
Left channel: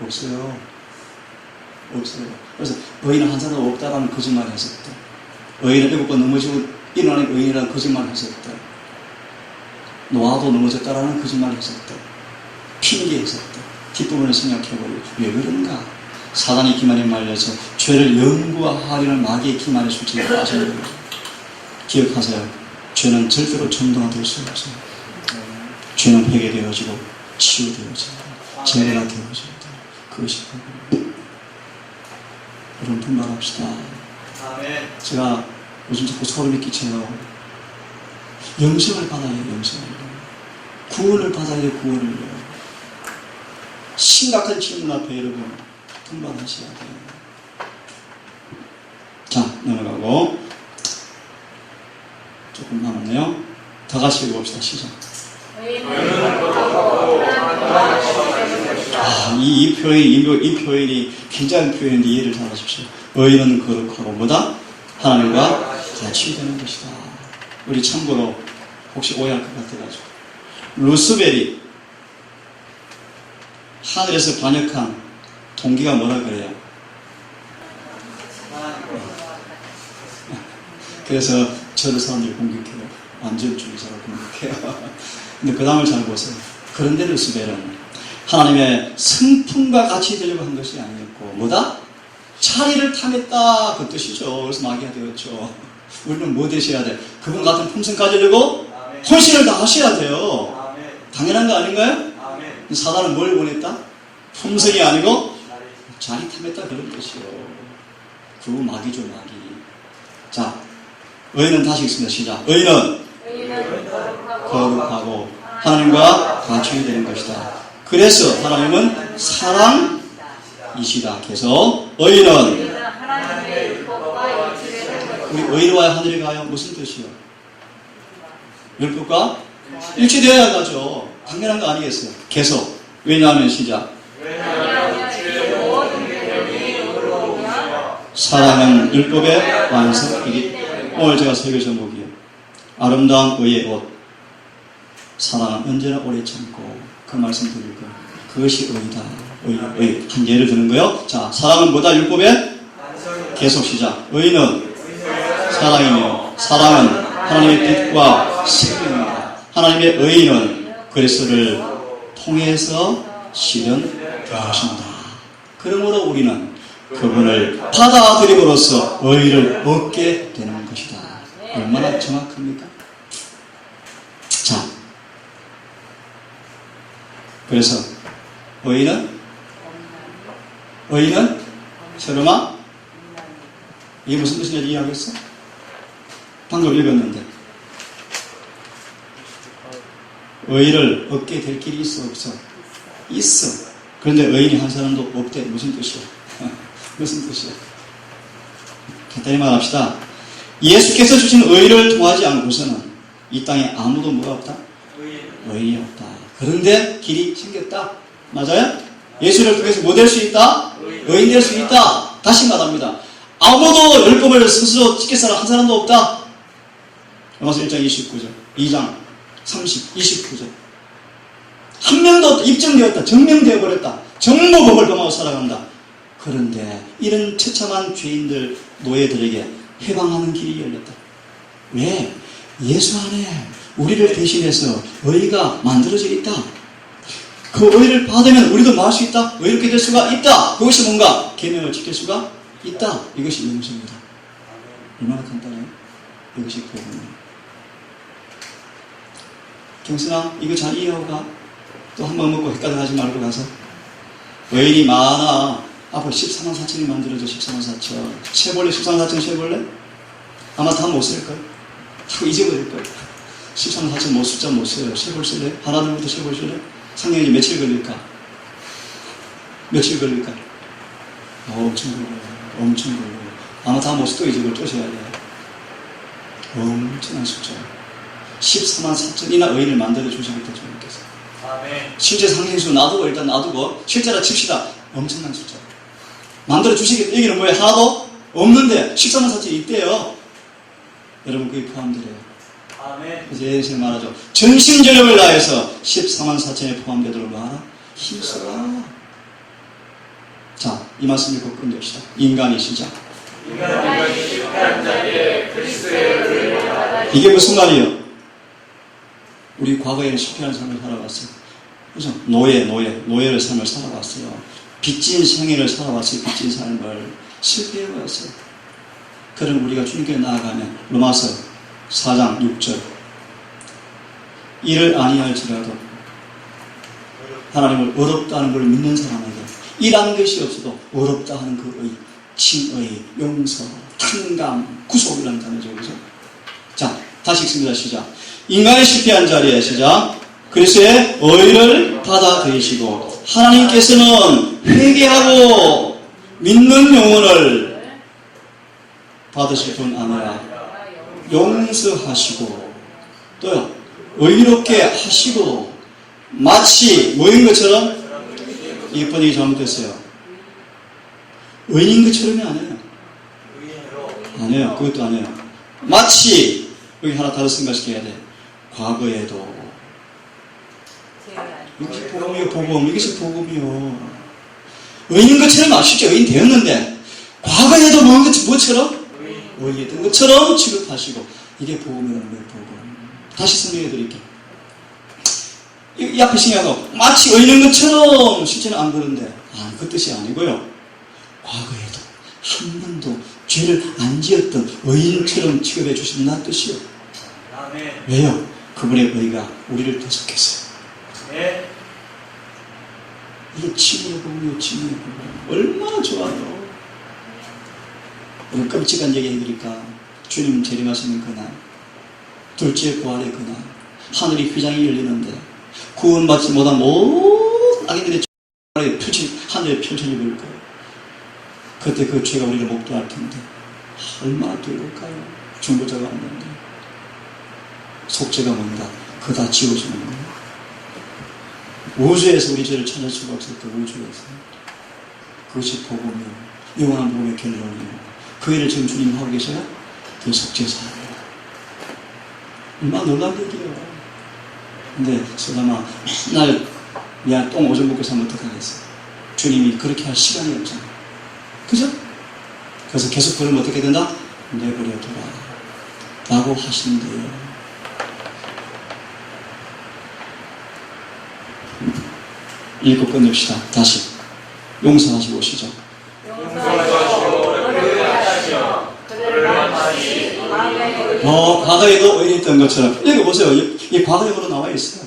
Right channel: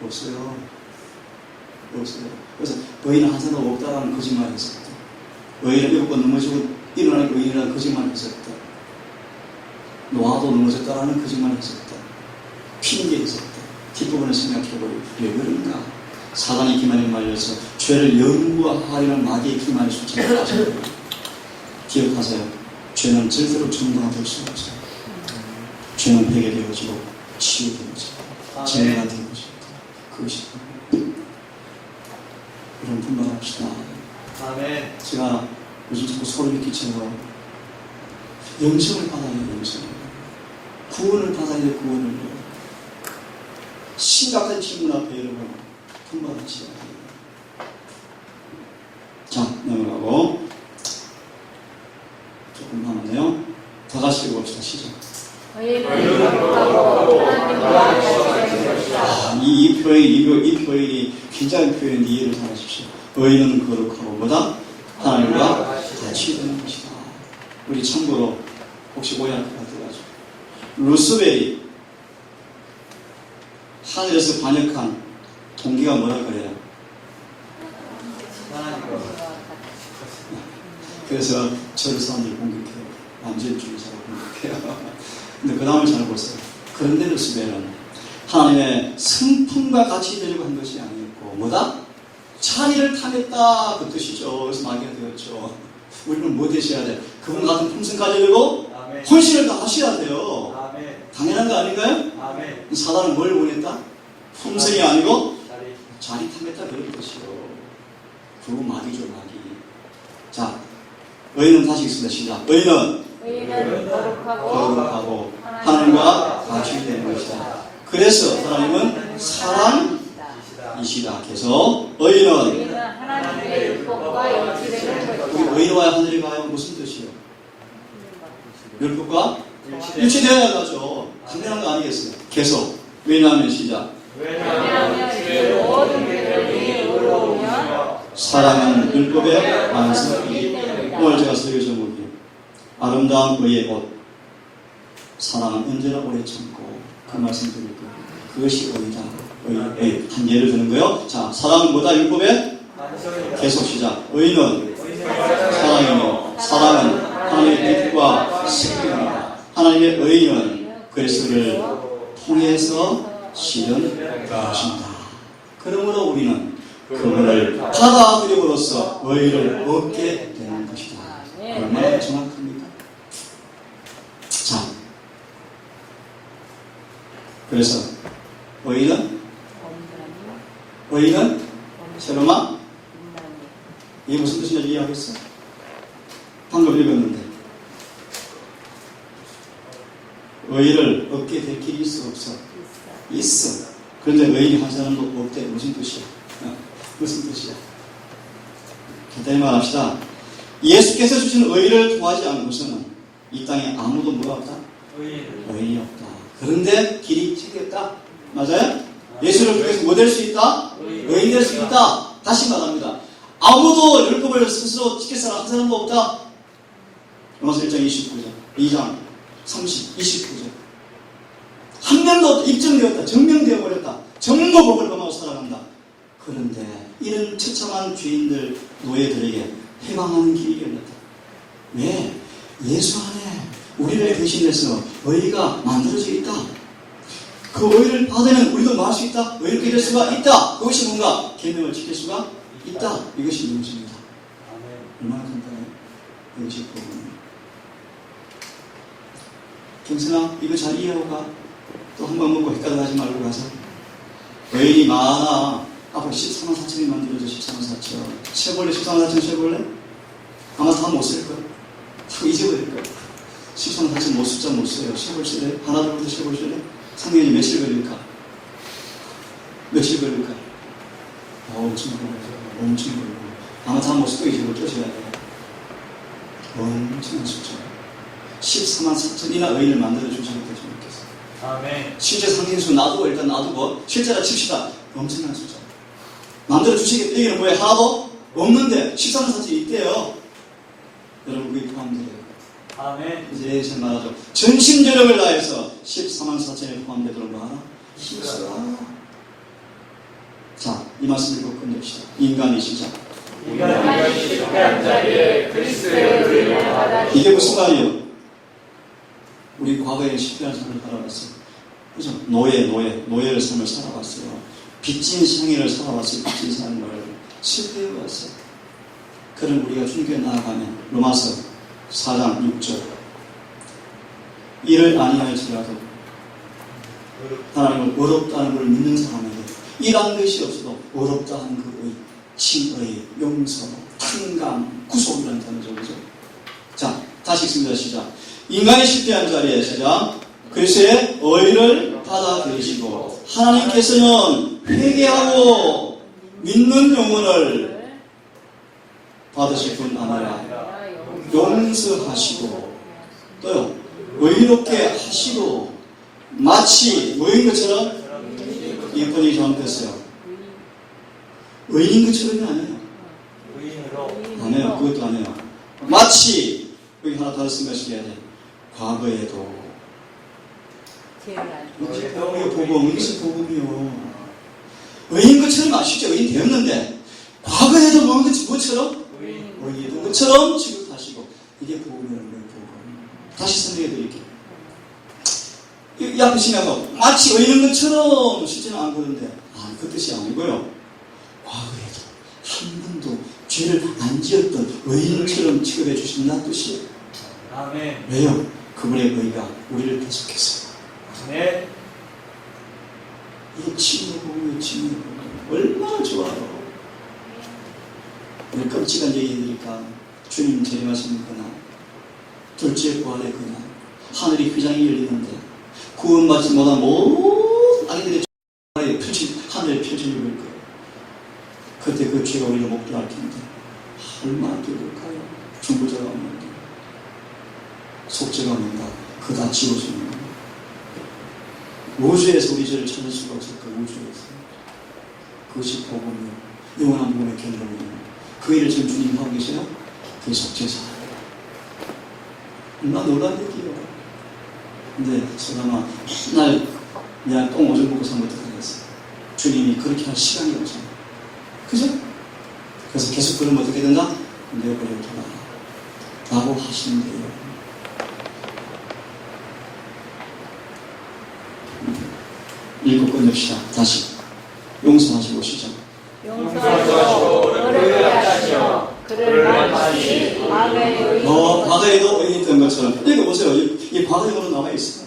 없어요. 없어요. 그래서 의인은 한 사람 없다라는 거짓말을 했었다. 의인은 7번 넘어지고 일어나는 의인이라는 거짓말을 했었다. 노아도 넘어졌다라는 거짓말을 했었다. 핑계했었다. 뒷부분을 생각해버리고 왜 그런가? 사단이 기만에 말려서 죄를 연구하려는 마귀의 기만에 숫자를 빠져버려요. 기억하세요. 죄는 절대로 정당화될 수 없어요. 죄는 회개되어지고 치유되어지고 제어가 되어집니다. 그것이 여러분 분발합시다. 아멘. 제가 요즘 자꾸 소름이 끼쳐요. 영생을 받아야 해요. 영생을. 구원을 받아야 해요. 구원을요. 심각한 질문 앞에 여러분 분발하셔야 돼요. 자, 넘어가고 조금 남았네요. 다 같이 읽어봅시다. 시작. 이 표현이 굉장히 표현인데 이해를 잘 하십시오. 의인은 거룩하고 뭐다? 하나님과 같이 되는 것이다. 우리 참고로 혹시 오해할 것 같아가지고 루스벨이 하늘에서 반역한 동기가 뭐라 그래요? 그래서 저를 사람들이 공격해요. 완전주의자로 공격해요. 근데 그 다음을 잘 보세요. 그런데 루스벨은 하나님의 성품과 같이 되려고 한 것이 아니었고 뭐다? 자리를 탐했다 그 뜻이죠. 그래서 마귀가 되었죠. 우리는 뭐 되셔야 돼? 그분 같은 품성 가지려고 헌신을 다 하셔야 돼요. 당연한 거 아닌가요? 사단은 뭘 원했다? 품성이 아니고 자리 탐했다 그런 뜻이요. 그 마귀죠 마귀. 자, 의인은 다시 읽습니다. 시작. 의인은 거룩하고 하나님과 같이 되는 것이다. 그래서 하나님은 사랑이시다. 계속 의인은 우리 의인과 하늘에 가요. 무슨 뜻이요? 율법과 일치되어야 가죠. 당연한 거 아니겠어요? 계속. 왜냐하면 시작. 사랑은 율법의 완성이기 때문에. 오늘 제가 설교 제목이요. 아름다운 의의 옷. 사랑은 언제나 오래 참고 그 말씀 드릴 거예요. 그것이 의다. 의. 한 예를 드는 거요. 자, 사랑은 뭐다? 율법의? 계속 시작. 의는 사랑이며 사랑은 하나님의 뜻과 생명입니다. 하나님의 의는 그리스도를 통해서 실현되어진다. 그러므로 우리는 그분을 받아들임으로써 의를 얻게 되는 것이다. 얼마나 정확합니까? 자, 그래서 의는 세로마 이게 무슨 뜻인지 이해하겠어? 방금 읽었는데 의를 얻게 될 길이 있어 없어? 있어. 그런데 의인이 한 사람도 없대. 무슨 뜻이야? 무슨 뜻이야? 간단히 말합시다. 예수께서 주신 의를 통하지 않고서는 이 땅에 아무도 뭐가 없다? 의인이 없다. 그런데 길이 생겼다. 맞아요? 예수를 통해서 뭐 될 수 있다? 의인 될 수 있다. 다시 말합니다. 아무도 율법을 스스로 지켜서는 한 사람도 없다. 로마서 1장 29절, 2장 30, 29절. 한 명도 입증되었다. 증명되어 버렸다. 전부 법을 범하고 살아간다. 그런데 이런 처참한 죄인들, 노예들에게 해방하는 길이 열렸다. 왜? 예수 안에 우리를 대신해서 의가 만들어져 있다. 그 의를 받으면 우리도 뭐 할 수 있다? 의롭게 될 수가 있다. 그것이 뭔가 계명을 지킬 수가 있다. 이것이 용서입니다. 얼마나 간단해요? 이것이 복음이에요. 경순아, 이거 잘 이해하고 가. 또 한 번 먹고 헷갈려 하지 말고 가서. 의인이 많아. 앞으로 14만 4천이 만들어져. 14만 4천. 세벌레 14만 4천 세벌레? 아마 다 못 쓸 거야. 다 잊어버릴 거야. 14만 4천 못 숫자 못 써요. 세벌 쓸래? 하나둘부터 세벌 쓸래? 상경이 며칠 걸릴까? 며칠 걸릴까? 엄청 걸려요. 엄청 걸려요. 아마 다 못 쓰고 이제 쫓아야 돼. 엄청난 숫자. 14만 4천이나 의인을 만들어 주시겠다 주님께서. 아멘. 실제 상징수 놔두고 일단 놔두고 실제라 칩시다. 엄청난 숫자. 만들어 주시겠다. 여기는 뭐예요? 하나도 없는데 14만 4천이 있대요. 여러분 그게 포함되래요. 아멘. 그래서 예수님 말하죠. 전심전력을 다해서 14만 4천에 포함되도록 말하라. 힘써라. 자, 이 말씀 읽고 끝냅시다. 인간이 시작. 인간이 실패한 자리에 그리스도의 의를 받아. 이게 무슨 말이에요? 우리 과거에는 실패한 삶을 살아왔어요. 그죠? 노예의 삶을 살아왔어요. 빚진 생애를 살아왔어요. 빚진 삶을 실패해왔어요. 그럼 우리가 주님께 나아가면 로마서 4장 6절 이를 아니할지라도 하나님을 어렵다는 걸 믿는 사람에게 일한 것이 없어도 어렵다 하는 그 의, 칭의, 용서, 탕감, 구속이라는 단어죠. 그죠? 자, 다시 읽습니다. 시작. 인간이 실패한 자리에 시작. 그리스도의 의를 받아들이시고 하나님께서는 회개하고 믿는 영혼을 받으실 뿐 아니라 용서하시고 또요 의롭게 하시고 마치 뭐인 것처럼 이번이 잘못됐어요. 의인인 것처럼이 아니에요. 의인으로. 아니에요. 그것도 아니에요. 마치 여기 하나 다른 생각시켜야 돼. 과거에도 이것이 복음이요. 복음. 이것이 복음이요. 의인인 것처럼 아시죠? 의인 되었는데 과거에도 뭐처럼? 의인이던 것처럼 취급하시고 이게 복음이라는 거예요. 복음. 다시 설명해 드릴게요. 이 앞에 신약하고 마치 의인인 것처럼 실제는 안 그런데 그 뜻이 아니고요. 과거에도 한 번도 죄를 안 지었던 의인처럼 취급해 주신다는 뜻이에요. 아멘. 왜요? 그분의 의가 우리를 계속했어요. 네. 이게 치유의 복음이에요. 치유의 복음. 얼마나 좋아요. 오늘 끔찍한 얘기 해드릴까? 주님 재림하시는 그날, 둘째 부활의 그날, 하늘이 휘장이 열리는데 구원받지 못한 모든 악인들의 하늘에 펼쳐져 버릴 거예요. 그때 그 죄가 우리를 목도할 텐데 얼마나 두려울까요? 중보자가 없는데 속죄가 뭔가 그거 다 지워주는 거예요. 우주에서 우리 죄를 찾을 수가 없을 그 우주에서 그것이 복음이요 영원한 복음의 결론이에요. 그 일을 지금 주님 하고 계세요? 그 속죄자예요. 얼마나 놀라운 얘기예요. 근데 소담아 맨날 야 똥 오줌 먹고 살면 어떡하겠어. 주님이 그렇게 할 시간이 없잖아. 그죠? 그래서 계속 그러면 어떻게 된다? 내버려둬라 라고 하시는데요. 읽고 끝냅시다. 다시 용서하시고 오시죠. 용서하시고 그를 하시오. 그를 마치 과거에도 의인했던 것처럼 읽어보세요. 이 과거에도 나와 있어요.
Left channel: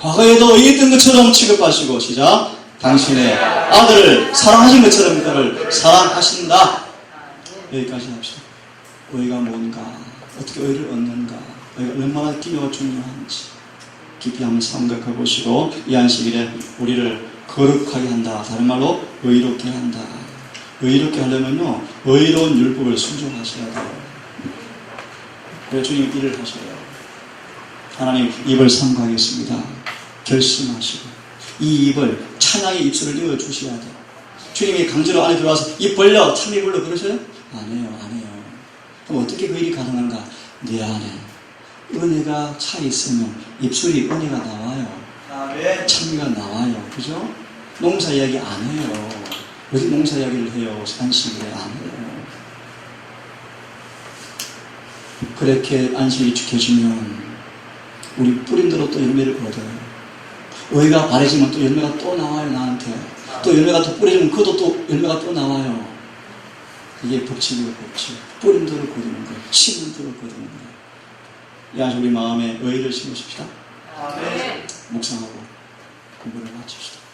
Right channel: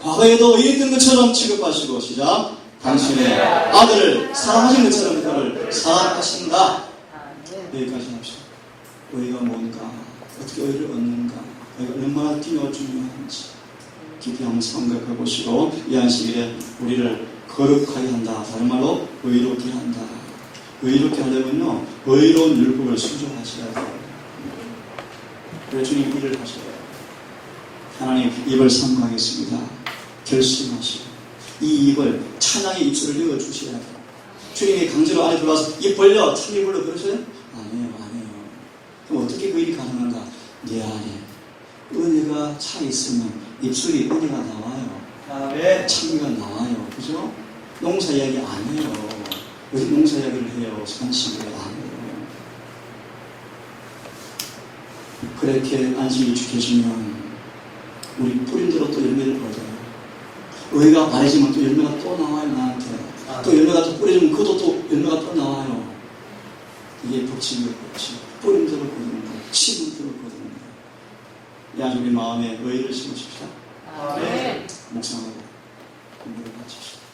과거에도 의인했던 것처럼 취급하시고 시작. 당신의 아들을 사랑하신 것처럼 그를 사랑하신다. 여기까지 합시다. 의가 뭔가, 어떻게 의를 얻는가, 의가 얼마나 기묘하고 중요한지 깊이 한번 생각해 보시고 이 안식일에 우리를 거룩하게 한다. 다른 말로 의롭게 한다. 의롭게 하려면요 의로운 율법을 순종하셔야 돼요. 그래 주님 일을 하셔요. 하나님 입을 삼가하겠습니다. 결심하시고 이 입을 찬양의 입술을 열어주셔야 돼요. 주님이 강제로 안에 들어와서 입 벌려 참입 벌려 그러셔요? 아니에요. 그럼 어떻게 그 일이 가능한가? 내 안에 은혜가 차 있으면 입술이 은혜가 나와요. 아멘. 창기가 나와요. 그죠? 농사 이야기 안 해요. 왜 농사 이야기를 해요? 안식일에 안 해요. 그렇게 안식일이 지켜지면 우리 뿌린 대로 또 열매를 거둬요. 의가 바래지면 또 열매가 또 나와요. 나한테 또 열매가 또 뿌려지면 그것도 또 열매가 또 나와요. 이게 법칙이에요. 법칙. 뿌린 대로 거두는 거예요. 심은 대로 거두는 거예요. 이 아주 우리 마음에 의를 심으십시다. 아멘. 묵상하고 공부를 마칩시다.